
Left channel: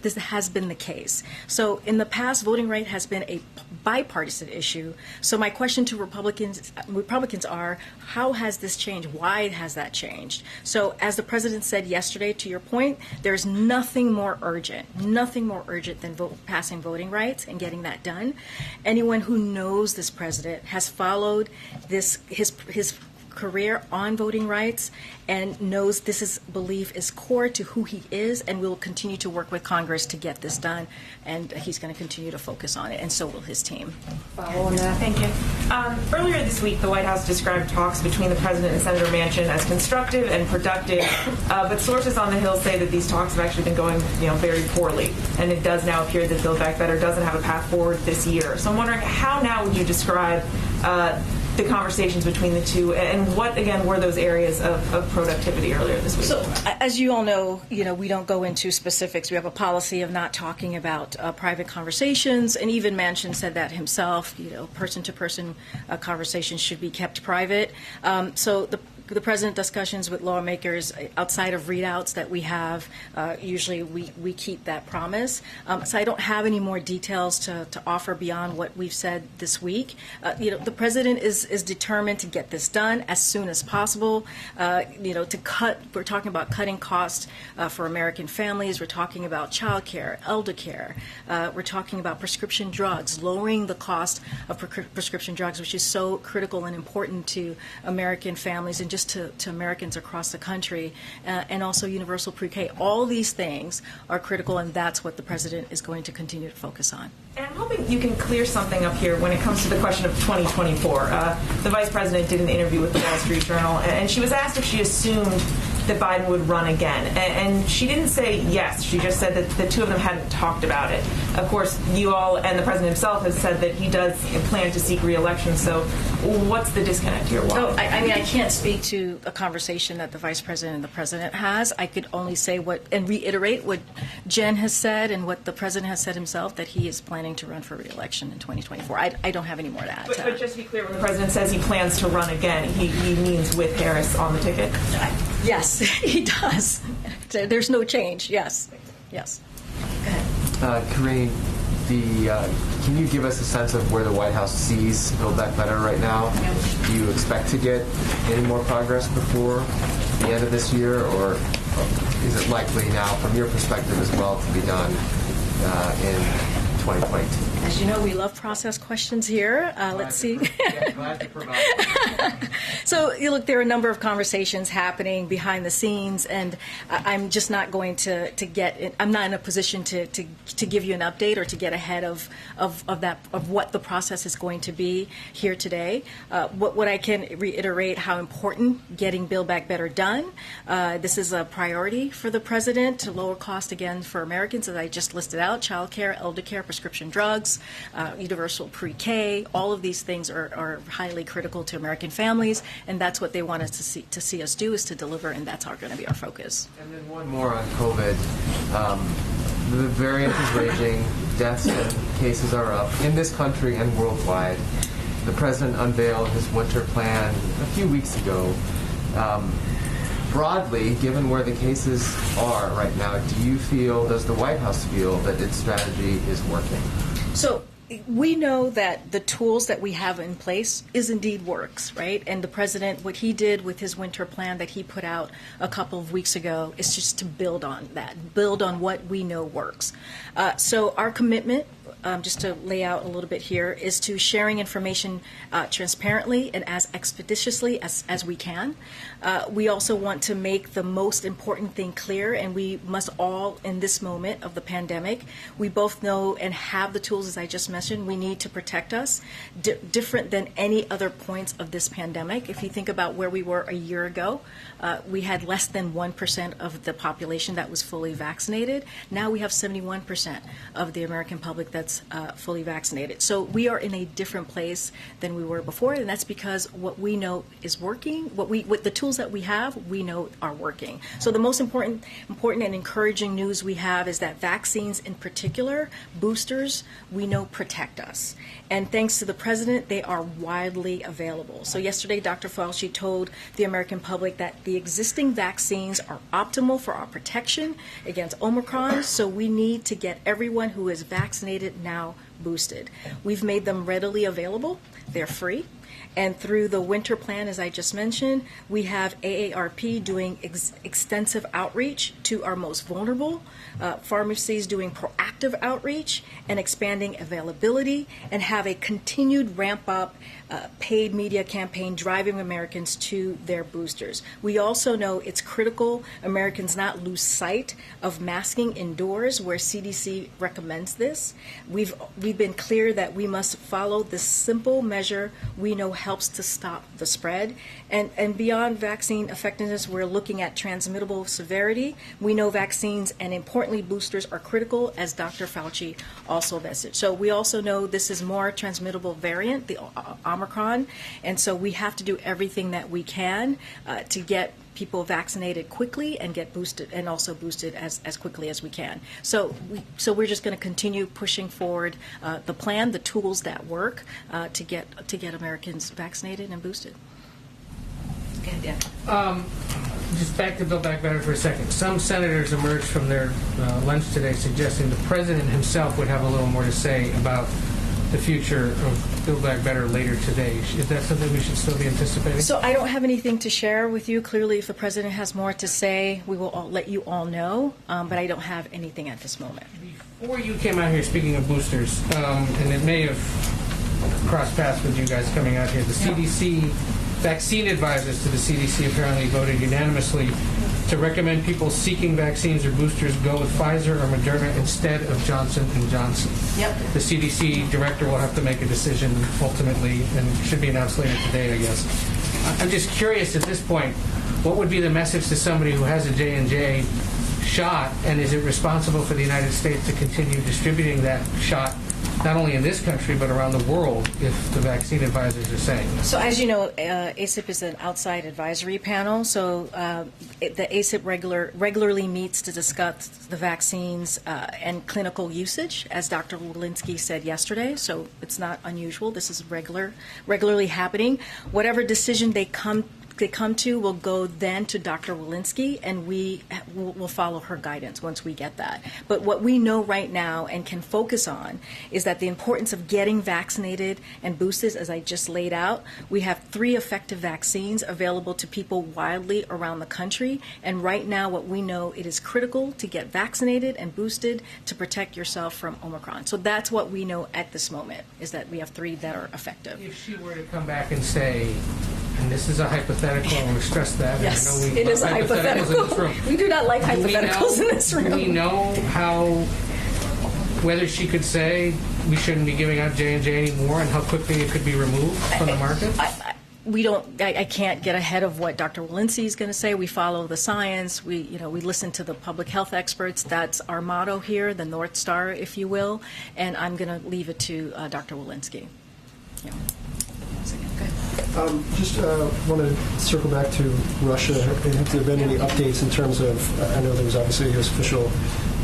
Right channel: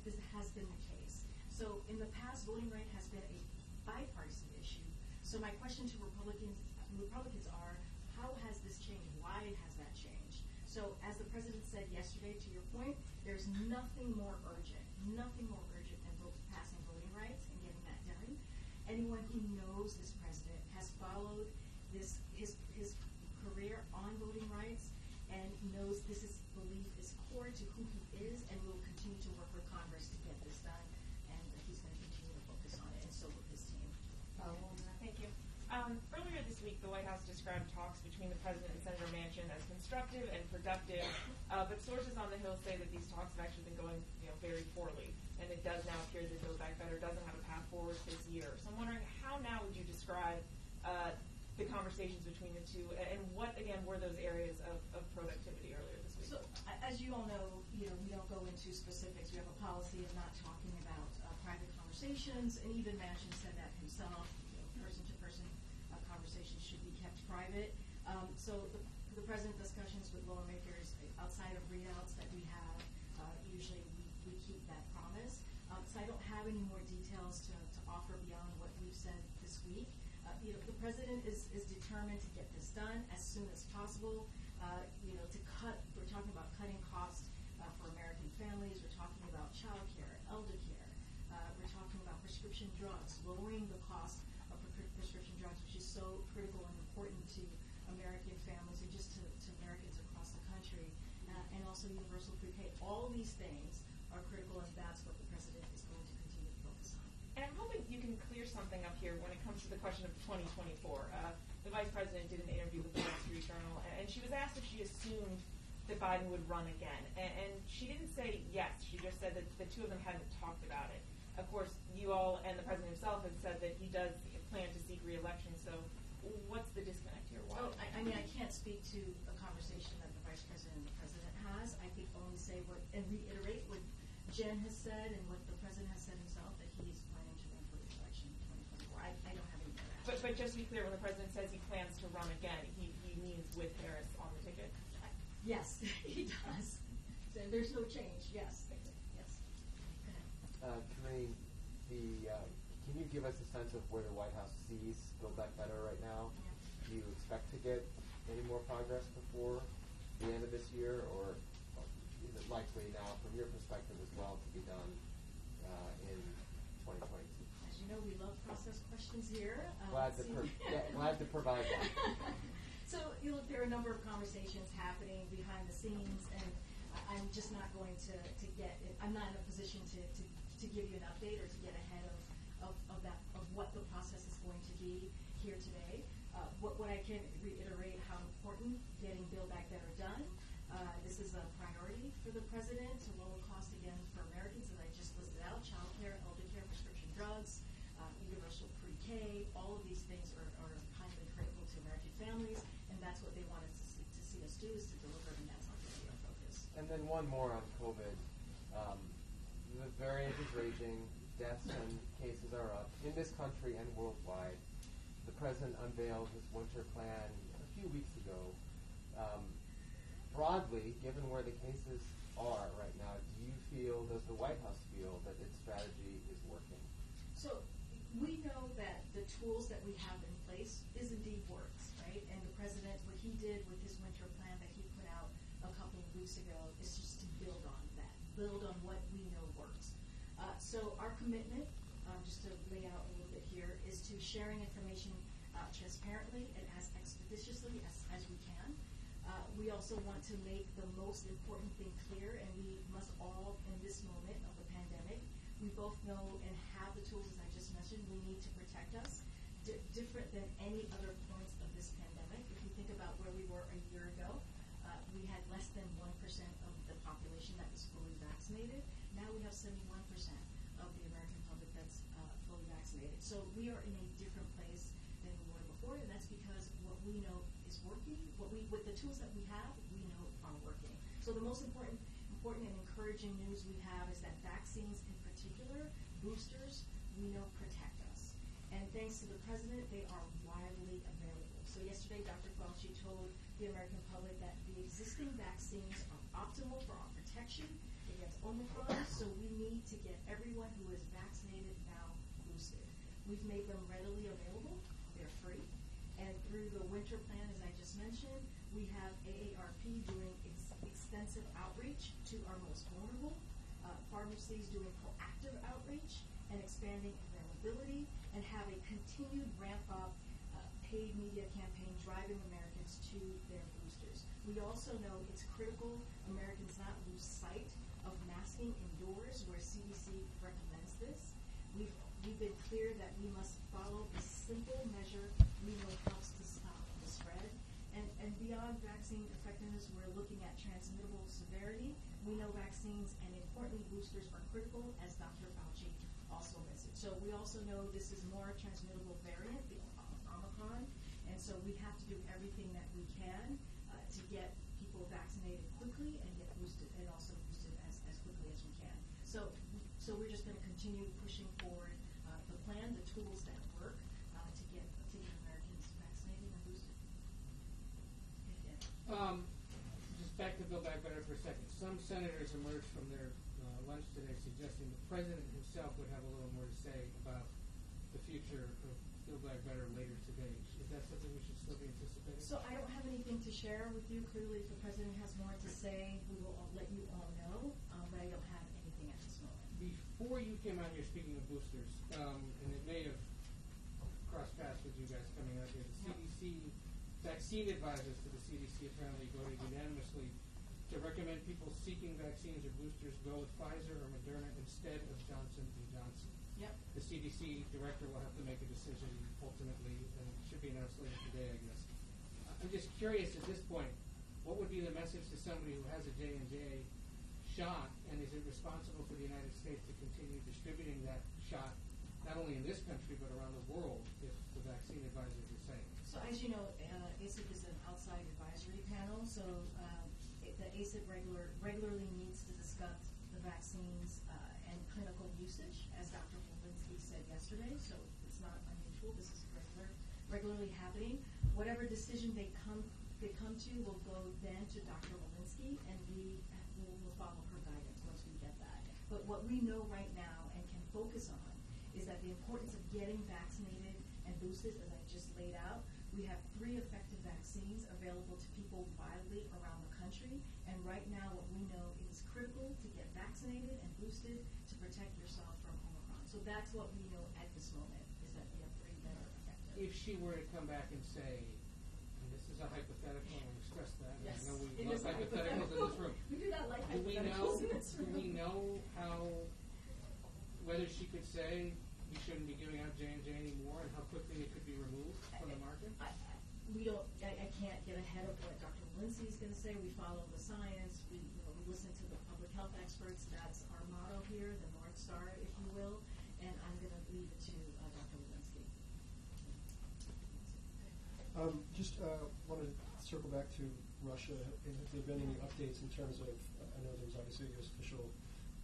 this has been the case. So in the past, voting right has been a bipartisan issue. So my question to Republicans are, how has this changed? Why has that changed? So as the president said yesterday, to your point, there's nothing more urgent than passing voting rights and getting that done. Anyone who knows this president has followed his career on voting rights and knows this belief is core to who he is, and we will continue to work with Congress to get this done, and he's going to continue to focus on it, and so will his team. Follow on that. Thank you. Earlier this week, the White House described talks between the President and Senator Manchin as constructive and productive, but sources on the Hill say that these talks have actually been going, very poorly, and it does now appear that Build Back Better doesn't have a path forward this year. So I'm wondering, how now would you describe the conversations between the two, and what, again, were those areas of productivity earlier this week? So, as you all know, we don't go into specifics. We have a policy of not talking about private conversations, and even Manchin said that himself. Person-to-person conversations should be kept private. So the president discussions with lawmakers outside of readouts that we have, usually we keep that promise. So I don't have any more details to offer beyond what we've said this week. The president is determined to get this done as soon as possible. We're talking about cutting costs for American families. We're talking about child care, elder care. We're talking about prescription drugs, lowering the cost of prescription drugs, which is so critical and important to American families and just to Americans across the country, and also universal pre-K. All these things are critical, and that's what the president is going to continue to focus on. And I'm hoping you can clear something up here when it comes to the question of 2024. The vice president did an interview with the Wall Street Journal, and she was asked if she assumed that Biden would run again. And she didn't say yes. She just said that the two of them hadn't talked about it. Of course, you all and the president himself has said that he does plan to seek re-election. So what's the disconnect here? Why? I can't speak to a conversation that the vice president and the president has. I could only say and reiterate what Jen has said and what the president has said himself, that he is planning to run for re-election in 2024. I don't have any more to add. But just to be clear, when the president says he plans to run again, he means with Harris on the ticket? Yes, he does. There's no change. Yes. Go ahead. Karine, can you give us a sense of where the White House sees Build Back Better right now? Do you expect to get any more progress before the end of this year, or is it likely now, from your perspective as well, to be done in 2022? As you know, we love process questions here. Let's see. Glad to provide. So, look, there are a number of conversations happening behind the scenes, and I'm just not going to get. I'm not in a position to give you an update or to get ahead of what the process is going to be here today. What I can reiterate how important getting Build Back Better done. This is a priority for the president to lower cost again for Americans, as I just listed out: child care, elder care, prescription drugs, universal pre-K. All of these things are highly critical to American families, and that's what they want us to see us do, is to deliver, and that's going to be our focus. And then one more on COVID. The variant is raging. Deaths and cases are up in this country and worldwide. The president unveiled his winter plan a few weeks ago. Broadly, given where the cases are right now, does the White House feel that its strategy is working? So we know that the tools that we have in place indeed works, right? And the president, what he did with his winter plan that he put out a couple of weeks ago is just to build on that, build on what we know works. So our commitment just to lay out a little bit here, is to sharing information transparently and as expeditiously as we can. We also want to make the most important thing clear, and we must all, in this moment of the pandemic, we both know and have the tools, as I just mentioned, we need to protect us, different than any other points of this pandemic. If you think about where we were a year ago, we had less than 1% of the population that was fully vaccinated. Now we have 71% of the American public that's fully vaccinated. So we are in a different place than we were before, and that's because what we know is working, what the tools that we have, we know are working. So the most important and encouraging news we have is that vaccines in particular, boosters, we know protect us. And thanks to the president, they are widely available. So yesterday, Dr. Fauci told the American public that the existing vaccines are optimal for our protection against Omicron, so we need to get everyone who is vaccinated now boosted. We've made them readily available. They're free. And through the winter plan, as I just mentioned, we have AARP doing extensive outreach to our most vulnerable, pharmacies doing proactive outreach and expanding availability, and have a continued ramp up paid media campaign driving Americans to their boosters. We also know it's critical Americans not lose sight of masking indoors where CDC recommends this. We've been clear that we must follow this simple measure we know helps to stop the spread. And beyond vaccine effectiveness, we're looking at transmittable severity. We know vaccines and importantly boosters are critical, as Dr. Fauci also messaged. So we also know this is more transmittable variant, the Omicron, and so we have to do everything that we can to get people vaccinated quickly and get boosted, and also boosted as quickly as we can. So we're just going to continue pushing forward the plan, the tools that work to get Americans vaccinated and boosted. Just back to Build Back Better for a second. Some senators emerged from their lunch today suggesting the president himself would have a little more to say about the future of Build Back Better later today. Is that something we should still be anticipating? So I don't have anything to share with you. Clearly, if the president has more to say, we will let you all know, but I don't have anything at this moment. Before you came out here, speaking of boosters, and it may have crossed paths with you guys coming out here, the CDC, vaccine advisors to the CDC apparently voted unanimously to recommend people seeking vaccines or boosters go with Pfizer or Moderna instead of Johnson & Johnson. Yep. The CDC director will have to make a decision ultimately, and should be announced later today, I guess. I'm just curious at this point, what would be the message to somebody who has a J&J shot, and is it responsible for the United States to continue distributing that shot not only in this country but around the world if the vaccine advisors are saying that? So as you know, ACIP is an outside advisory panel. So the ACIP regularly meets to discuss the vaccines and clinical usage, as Dr. Walensky said yesterday. So it's not unusual. This is regularly happening. Whatever decision they come to will go then to Dr. Walensky, and we will follow her guidance once we get that. But what we know right now and can focus on is that the importance of getting vaccinated and boosted, as I just laid out, we have 3 effective vaccines available to people widely around the country. And right now what we know, it is critical to get vaccinated and boosted to protect yourself from Omicron. So that's what we know at this moment, is that we have 3 that are effective. If she were to come back and say, and this is a hypothetical, I want to stress that. Yes, I know we it is a love hypotheticals in this room. hypothetical. We do not like hypotheticals in this room. Do we know whether she could say we shouldn't be giving out J&J anymore, and how quickly it could be removed from the market? I can't get ahead of what Dr. Walensky is going to say. We follow the science. We listen to the public health experts. That's our motto here, the North Star, if you will. And I'm going to leave it to Dr. Walensky. Yeah. Just want to circle back to Russia. Have there been any updates in terms of, I know there was obviously a U.S. official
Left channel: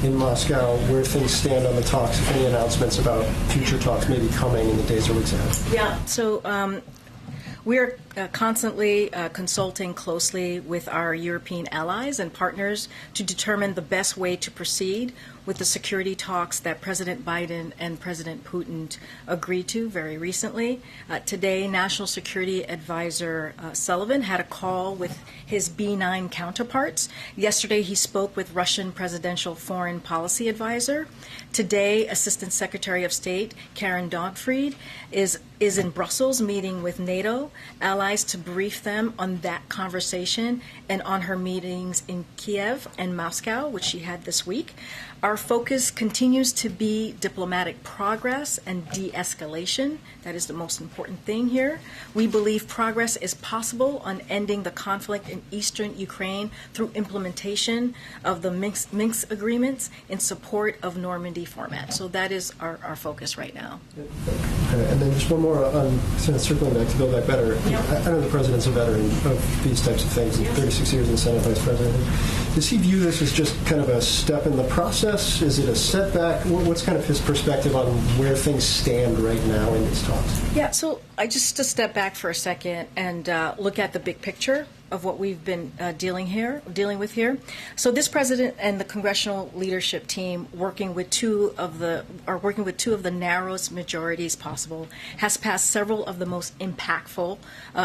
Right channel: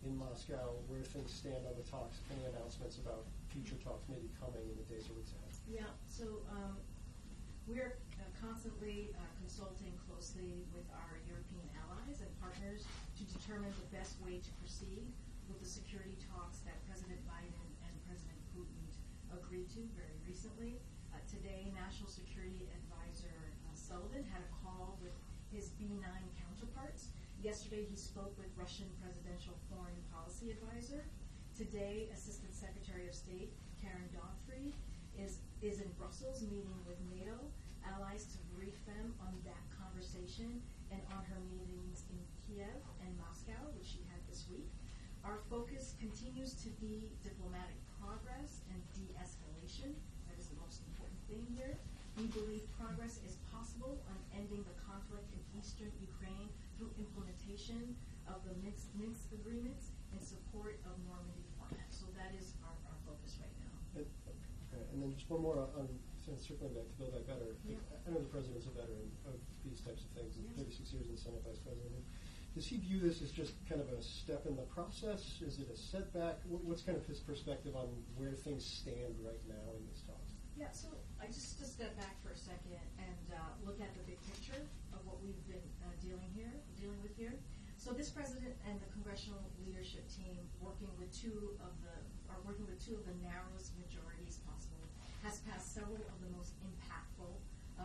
in Moscow, where things stand on the talks, if any announcements about future talks maybe coming in the days or weeks ahead? Yeah, so we're constantly consulting closely with our European allies and partners to determine the best way to proceed with the security talks that President Biden and President Putin agreed to very recently. Today, National Security Advisor Sullivan had a call with his B9 counterparts. Yesterday, he spoke with Russian Presidential Foreign Policy Advisor. Today, Assistant Secretary of State Karen Donfried is in Brussels meeting with NATO allies to brief them on that conversation and on her meetings in Kiev and Moscow, which she had this week. Our focus continues to be diplomatic progress and de-escalation. That is the most important thing here. We believe progress is possible on ending the conflict in eastern Ukraine through implementation of the Minsk agreements in support of Normandy format. So that is our focus right now. And then just one more on circling back to Build Back Better. I know the president's a veteran of these types of things, 36 years in Senate Vice President. Does he view this as just kind of a step in the process? Is it a setback? What's kind of his perspective on where things stand right now in these talks? Yeah, so I just to step back for a second and look at the big picture of what we've been dealing with here. So this president and the congressional leadership team, working with two of the narrowest majorities possible, has passed several of the most impactful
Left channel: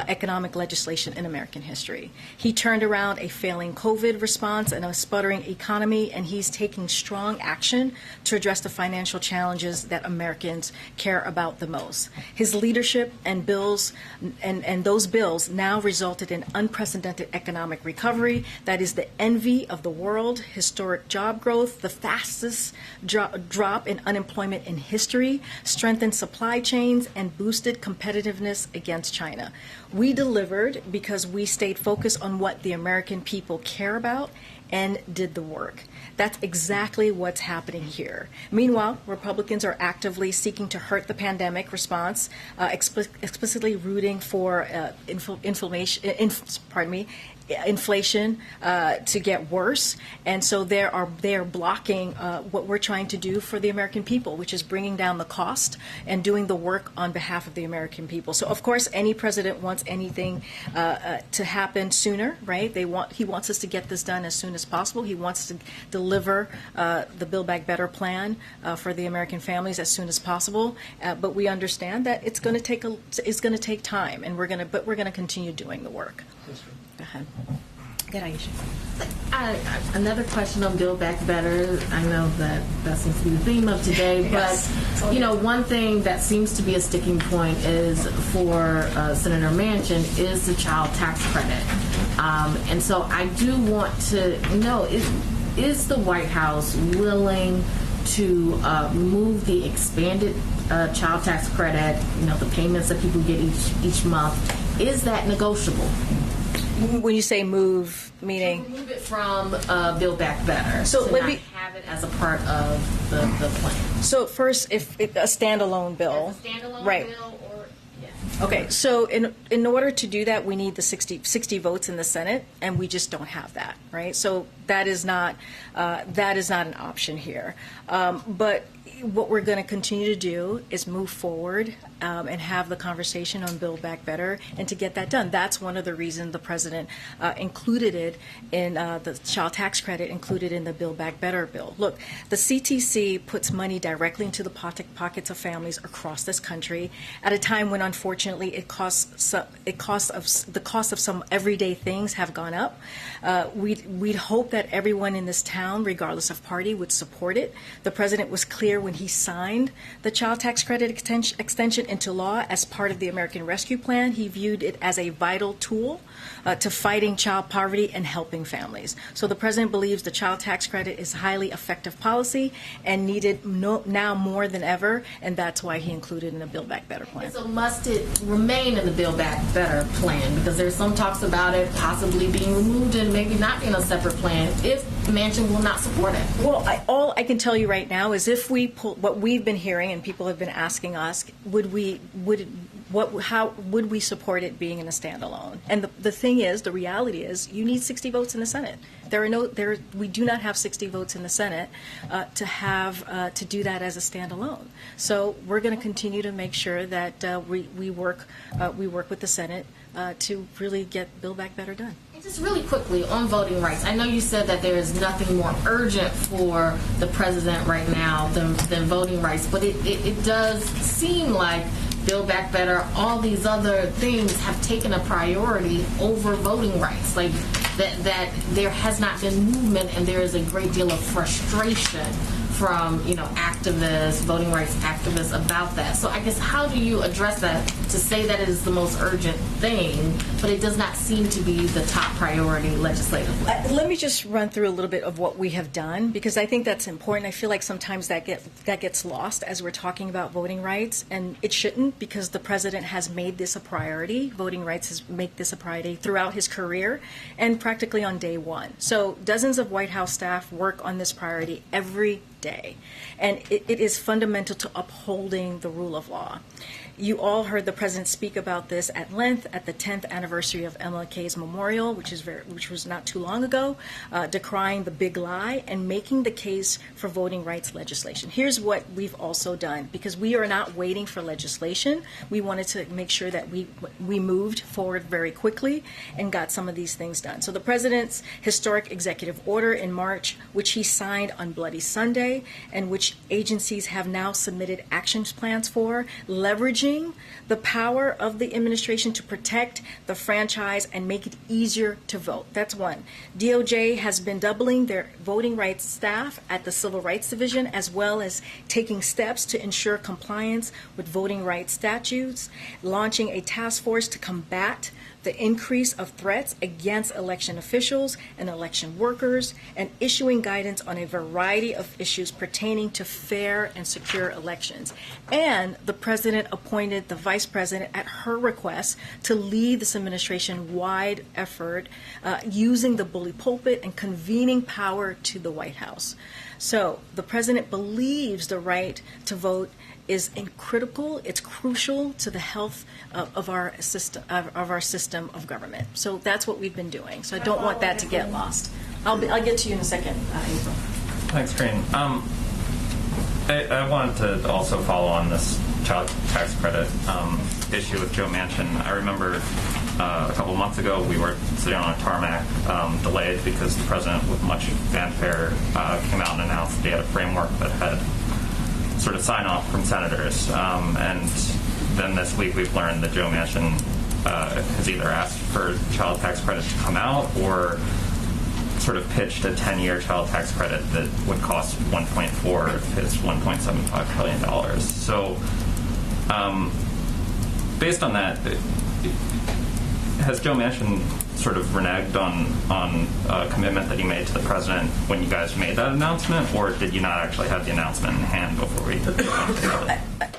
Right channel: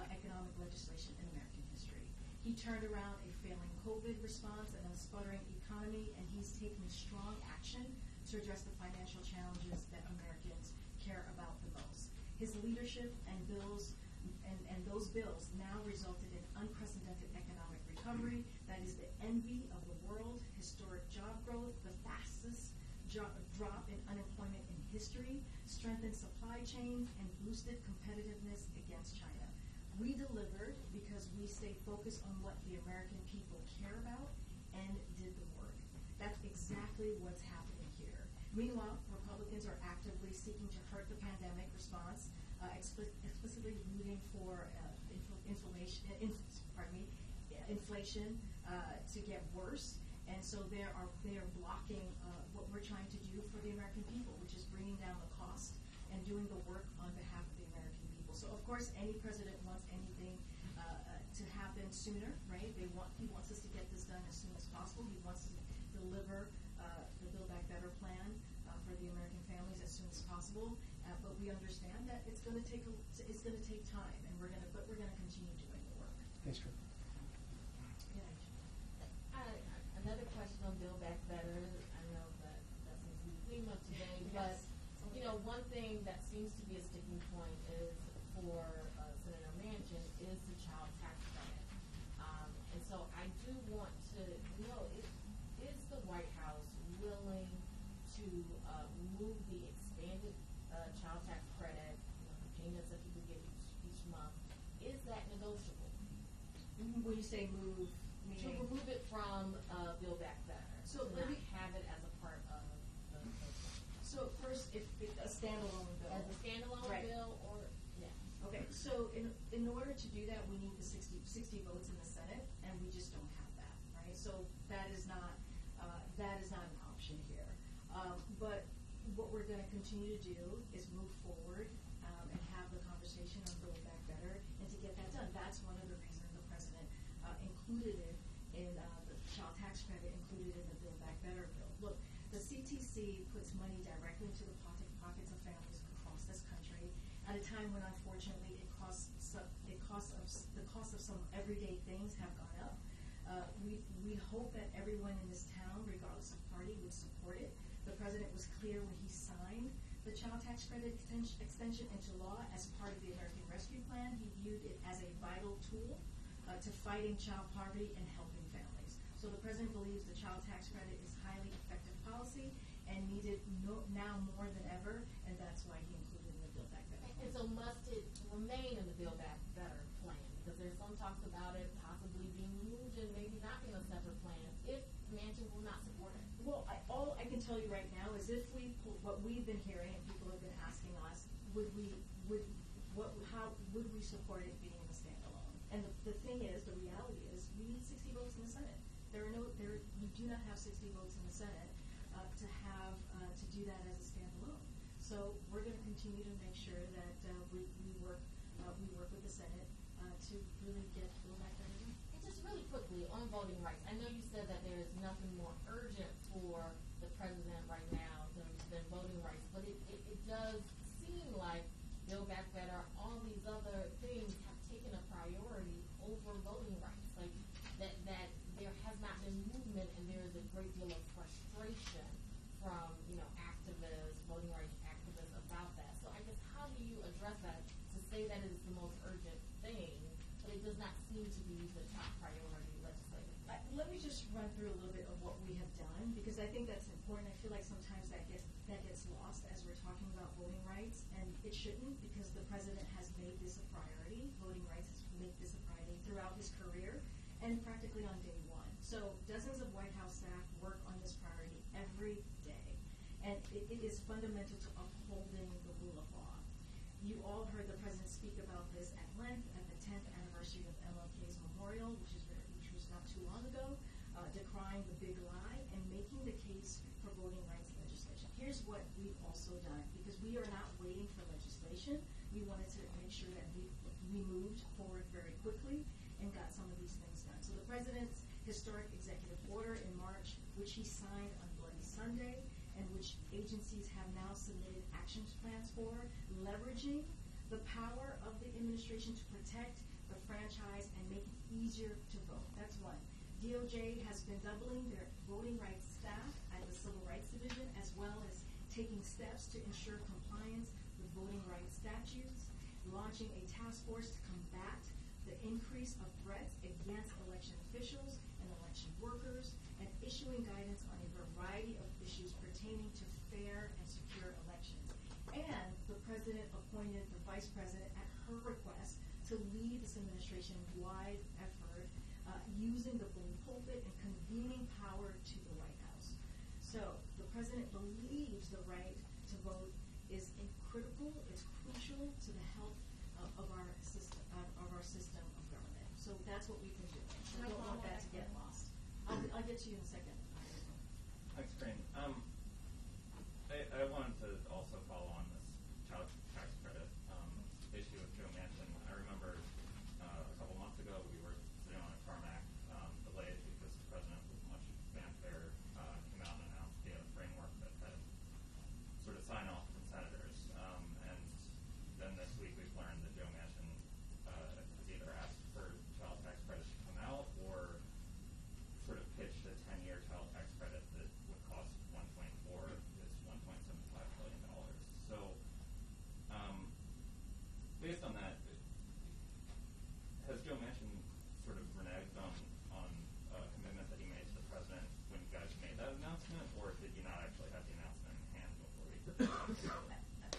economic legislation in American history. He turned around a failing COVID response and a sputtering economy, and he's taking strong action to address the financial challenges that Americans care about the most. His leadership and bills and those bills now resulted in unprecedented economic recovery that is the envy of the world, historic job growth, the fastest drop in unemployment in history, strengthened supply chains, and boosted competitiveness against China. We delivered because we stayed focused on what the American people care about and did the work. That's exactly what's happening here. Meanwhile, Republicans are actively seeking to hurt the pandemic response, explicitly rooting for inflation to get worse, and so they are blocking what we're trying to do for the American people, which is bringing down the cost and doing the work on behalf of the American people. So, of course, any president wants anything to happen sooner, right? He wants us to get this done as soon as possible. He wants to deliver the Build Back Better plan for the American families as soon as possible. But we understand that it's going to take time, and we're going to continue doing the work. Go ahead. Good, Aisha. Another question on Build Back Better. I know that seems to be the theme of today, Yes. But one thing that seems to be a sticking point is for Senator Manchin is the child tax credit, and so I do want to know is the White House willing to remove the expanded child tax credit? The payments that people get each month, is that negotiable? When you say move, meaning? Move it from Build Back Better. So let me have it as a part of the plan. So first, if a standalone bill, As a standalone right? bill, or yeah. Okay, so in order to do that, we need the 60 votes in the Senate, and we just don't have that, right? So that is not an option here. But what we're going to continue to do is move forward and have the conversation on Build Back Better, and to get that done. That's one of the reasons the president included it in the child tax credit included in the Build Back Better bill. Look, the CTC puts money directly into the pockets of families across this country at a time when, unfortunately, the cost of some everyday things have gone up. We'd hope that everyone in this town, regardless of party, would support it. The president was clear when he signed the child tax credit extension into law as part of the American Rescue Plan. He viewed it as a vital tool to fighting child poverty and helping families. So the president believes the child tax credit is highly effective policy and needed now more than ever, and that's why he included it in the Build Back Better plan. So must it remain in the Build Back Better plan? Because there's some talks about it possibly being removed and maybe not being a separate plan if Manchin will not support it. Well, all I can tell you right now is if we pull what we've been hearing and people have been asking us, how would we support it being in a standalone? And the thing is, the reality is, you need 60 votes in the Senate. We do not have 60 votes in the Senate to do that as a standalone. So we're going to continue to make sure that we work with the Senate to really get Build Back Better done. Just really quickly on voting rights, I know you said that there is nothing more urgent for the president right now than voting rights, but it does seem like Build Back Better, all these other things have taken a priority over voting rights. Like that there has not been movement, and there is a great deal of frustration from, activists, voting rights activists about that. So I guess how do you address that to say that it is the most urgent thing, but it does not seem to be the top priority legislatively? Let me just run through a little bit of what we have done, because I think that's important. I feel like sometimes that gets lost as we're talking about voting rights, and it shouldn't, because the president has made this a priority. Voting rights has made this a priority throughout his career and practically on day one. So dozens of White House staff work on this priority every day, and it is fundamental to upholding the rule of law. You all heard the president speak about this at length at the 10th anniversary of MLK's memorial, which was not too long ago, decrying the big lie and making the case for voting rights legislation. Here's what we've also done, because we are not waiting for legislation. We wanted to make sure that we moved forward very quickly and got some of these things done. So the president's historic executive order in March, which he signed on Bloody Sunday, and which agencies have now submitted action plans for, leveraging the power of the administration to protect the franchise and make it easier to vote. That's one. DOJ has been doubling their voting rights staff at the Civil Rights Division, as well as taking steps to ensure compliance with voting rights statutes, launching a task force to combat the increase of threats against election officials and election workers, and issuing guidance on a variety of issues pertaining to fair and secure elections. And the president appointed the vice president at her request to lead this administration-wide effort using the bully pulpit and convening power to the White House. So the president believes the right to vote is critical. It's crucial to the health of our system of government. So that's what we've been doing. So I don't want that to get lost. I'll get to you in a second, April. Thanks, Karine. I wanted to also follow on this child tax credit issue with Joe Manchin. I remember a couple of months ago we were sitting on a tarmac, delayed because the president, with much fanfare, came out and announced that he had a framework that had sort of sign off from senators. And then this week we've learned that Joe Manchin has either asked for child tax credit to come out or sort of pitched a 10-year child tax credit that would cost 1.4 of his $1.75 trillion. So based on that, has Joe Manchin sort of reneged on a commitment that he made to the president when you guys made that announcement, or did you not actually have the announcement in hand before we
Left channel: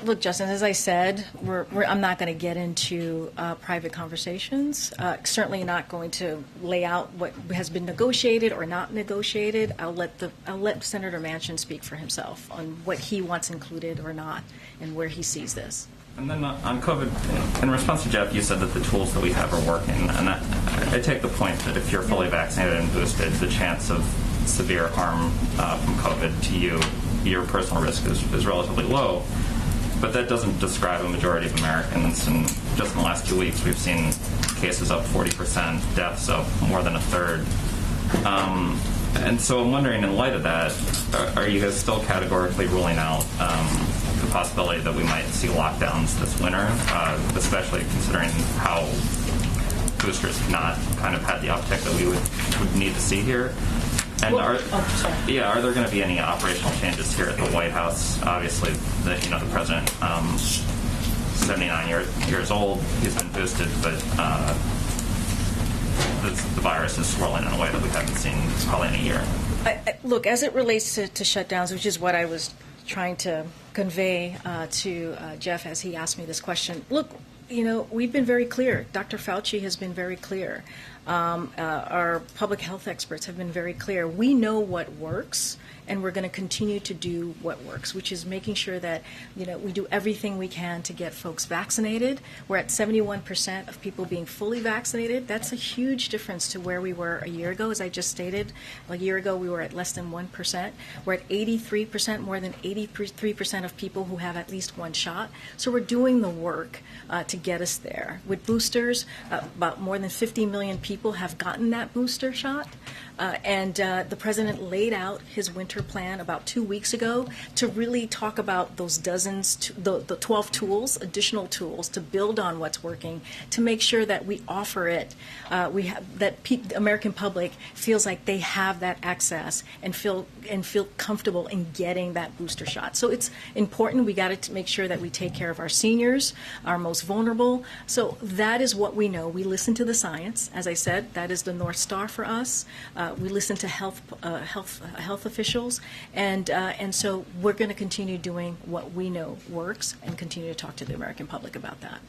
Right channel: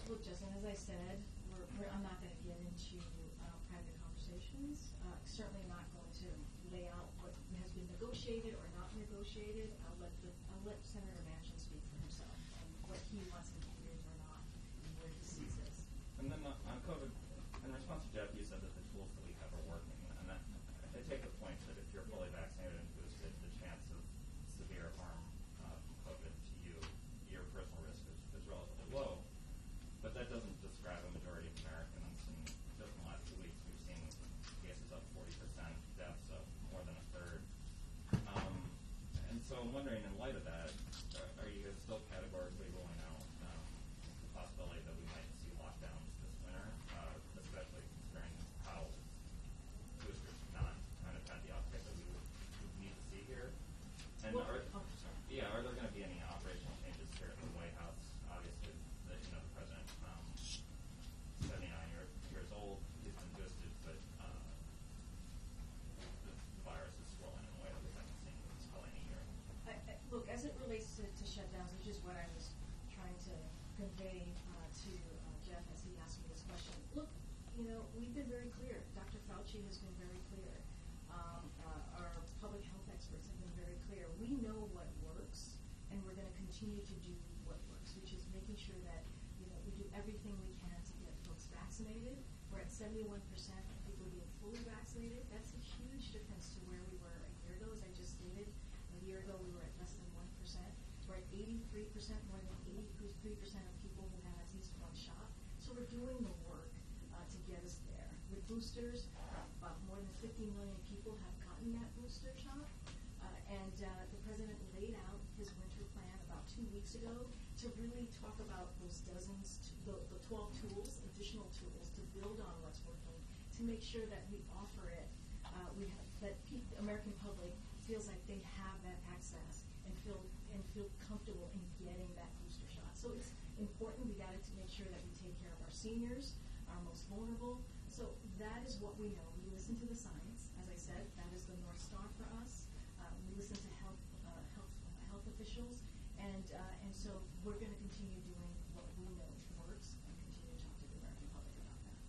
Look, Justin, as I said, I'm not going to get into private conversations. Certainly not going to lay out what has been negotiated or not negotiated. I'll let Senator Manchin speak for himself on what he wants included or not and where he sees this. And then on COVID, in response to Jeff, you said that the tools that we have are working. And I take the point that if you're fully vaccinated and boosted, the chance of severe harm from COVID to you, your personal risk is relatively low. But that doesn't describe a majority of Americans. And just in the last 2 weeks, we've seen cases up 40%, deaths up more than a third. And so I'm wondering, in light of that, are you guys still categorically ruling out the possibility that we might see lockdowns this winter, especially considering how boosters have not kind of had the uptick that we would need to see here? And are there going to be any operational changes here at the White House? Obviously, the president, 79 years old, he's been boosted, but the virus is swirling in a way that we haven't seen probably in a year. Look, as it relates to shutdowns, which is what I was trying to convey to Jeff as he asked me this question. Look, we've been very clear. Dr. Fauci has been very clear. Our public health experts have been very clear. We know what works, and we're going to continue to do what works, which is making sure that we do everything we can to get folks vaccinated. We're at 71% of people being fully vaccinated. That's a huge difference to where we were a year ago. As I just stated, a year ago we were at less than 1%. We're at 83%, more than 83% of people who have at least one shot. So we're doing the work to get us there. With boosters, about more than 50 million people have gotten that booster shot. The president laid out his winter plan about 2 weeks ago to really talk about those the 12 tools, additional tools to build on what's working, to make sure that we offer it, the American public feels like they have that access and feel comfortable in getting that booster shot. So it's important. We got to make sure that we take care of our seniors, our most vulnerable. So that is what we know. We listen to the science. As I said, that is the North Star for us. We listen to health officials, and so we're going to continue doing what we know works and continue to talk to the American public about that.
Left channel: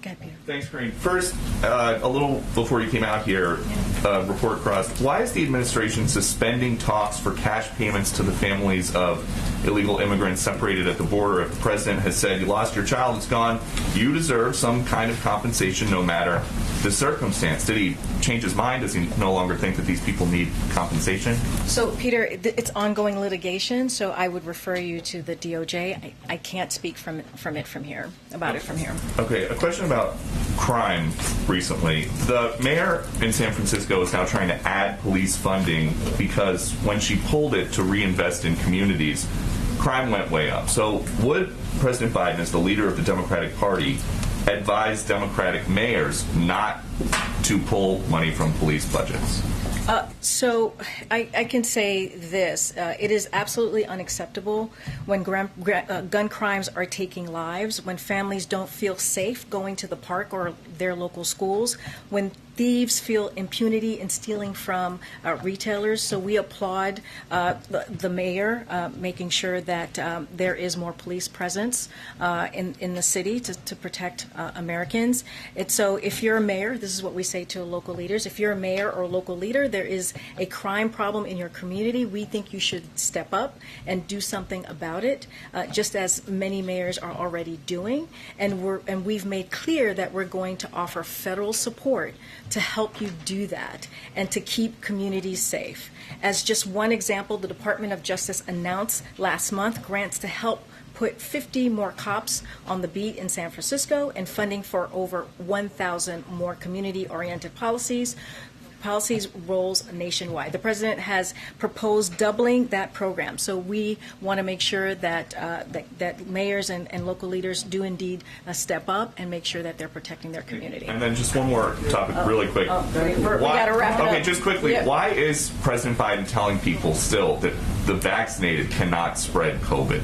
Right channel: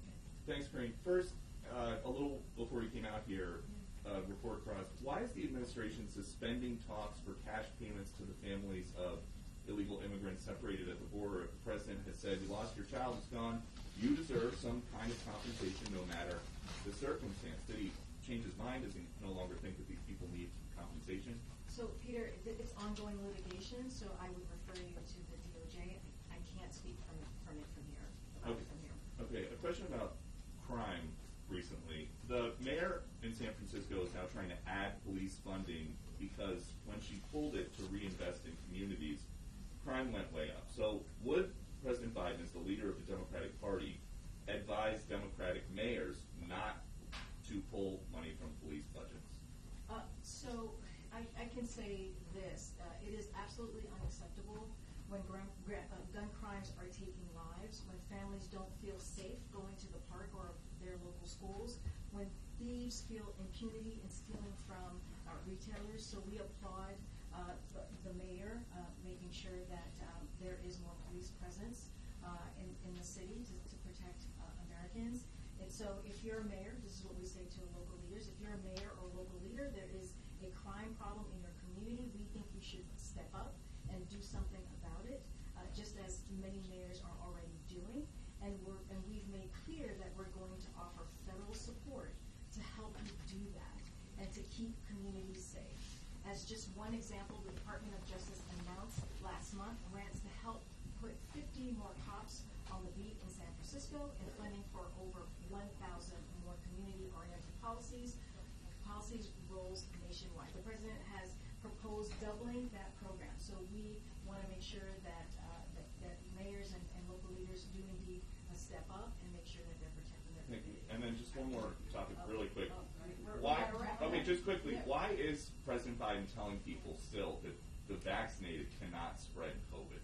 Go ahead, Peter. Thanks, Corinne. First, a little before you came out here, report crossed. Why is the administration suspending talks for cash payments to the families of illegal immigrants separated at the border? If the president has said you lost your child, it's gone, you deserve some kind of compensation no matter the circumstance. Did he change his mind? Does he no longer think that these people need compensation? So, Peter, it's ongoing litigation, so I would refer you to the DOJ. I can't speak about it from here. Okay, a question about crime recently. The mayor in San Francisco is now trying to add police funding because when she pulled it to reinvest in communities, crime went way up. So would President Biden, as the leader of the Democratic Party, advise Democratic mayors not to pull money from police budgets? So I can say this. It is absolutely unacceptable when gun crimes are taking lives, when families don't feel safe going to the park or their local schools, when thieves feel impunity in stealing from retailers. So we applaud the mayor making sure that there is more police presence in the city to protect Americans. So if you're a mayor, this is what we say to local leaders, if you're a mayor or a local leader, there is a crime problem in your community, we think you should step up and do something about it, just as many mayors are already doing. And we've made clear that we're going to offer federal support to help you do that and to keep communities safe. As just one example, the Department of Justice announced last month grants to help put 50 more cops on the beat in San Francisco and funding for over 1,000 more community-oriented policies roles nationwide. The president has proposed doubling that program. So we want to make sure that that mayors and local leaders do indeed step up and make sure that they're protecting their community. And then just one more topic really quick. We got to wrap it up. Okay, just quickly. Yeah. Why is President Biden telling people still that the vaccinated cannot spread COVID?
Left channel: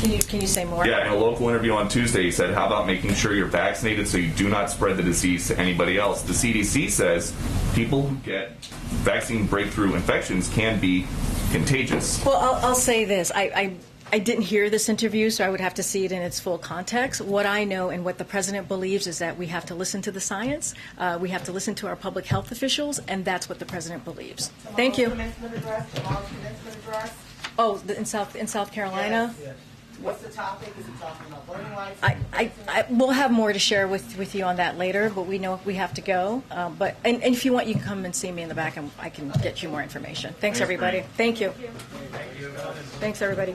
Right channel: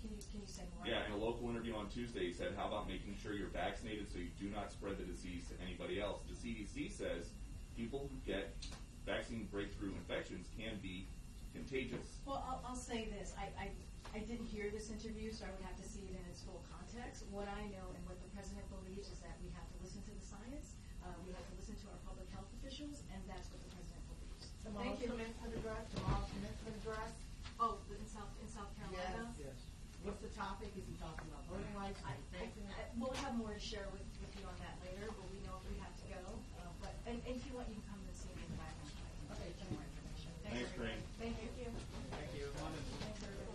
Can you say more? Yeah, in a local interview on Tuesday, he said, how about making sure you're vaccinated so you do not spread the disease to anybody else? The CDC says people who get vaccine breakthrough infections can be contagious. Well, I'll say this. I didn't hear this interview, so I would have to see it in its full context. What I know and what the president believes is that we have to listen to the science, we have to listen to our public health officials, and that's what the president believes. Thank you. Oh, in South Carolina? Yes. What's the topic? Is he talking about voting rights? I will have more to share with you on that later, but we know we have to go. And if you want, you can come and see me in the back, and I can get you more information. Thanks everybody. Thank you. Thanks, everybody.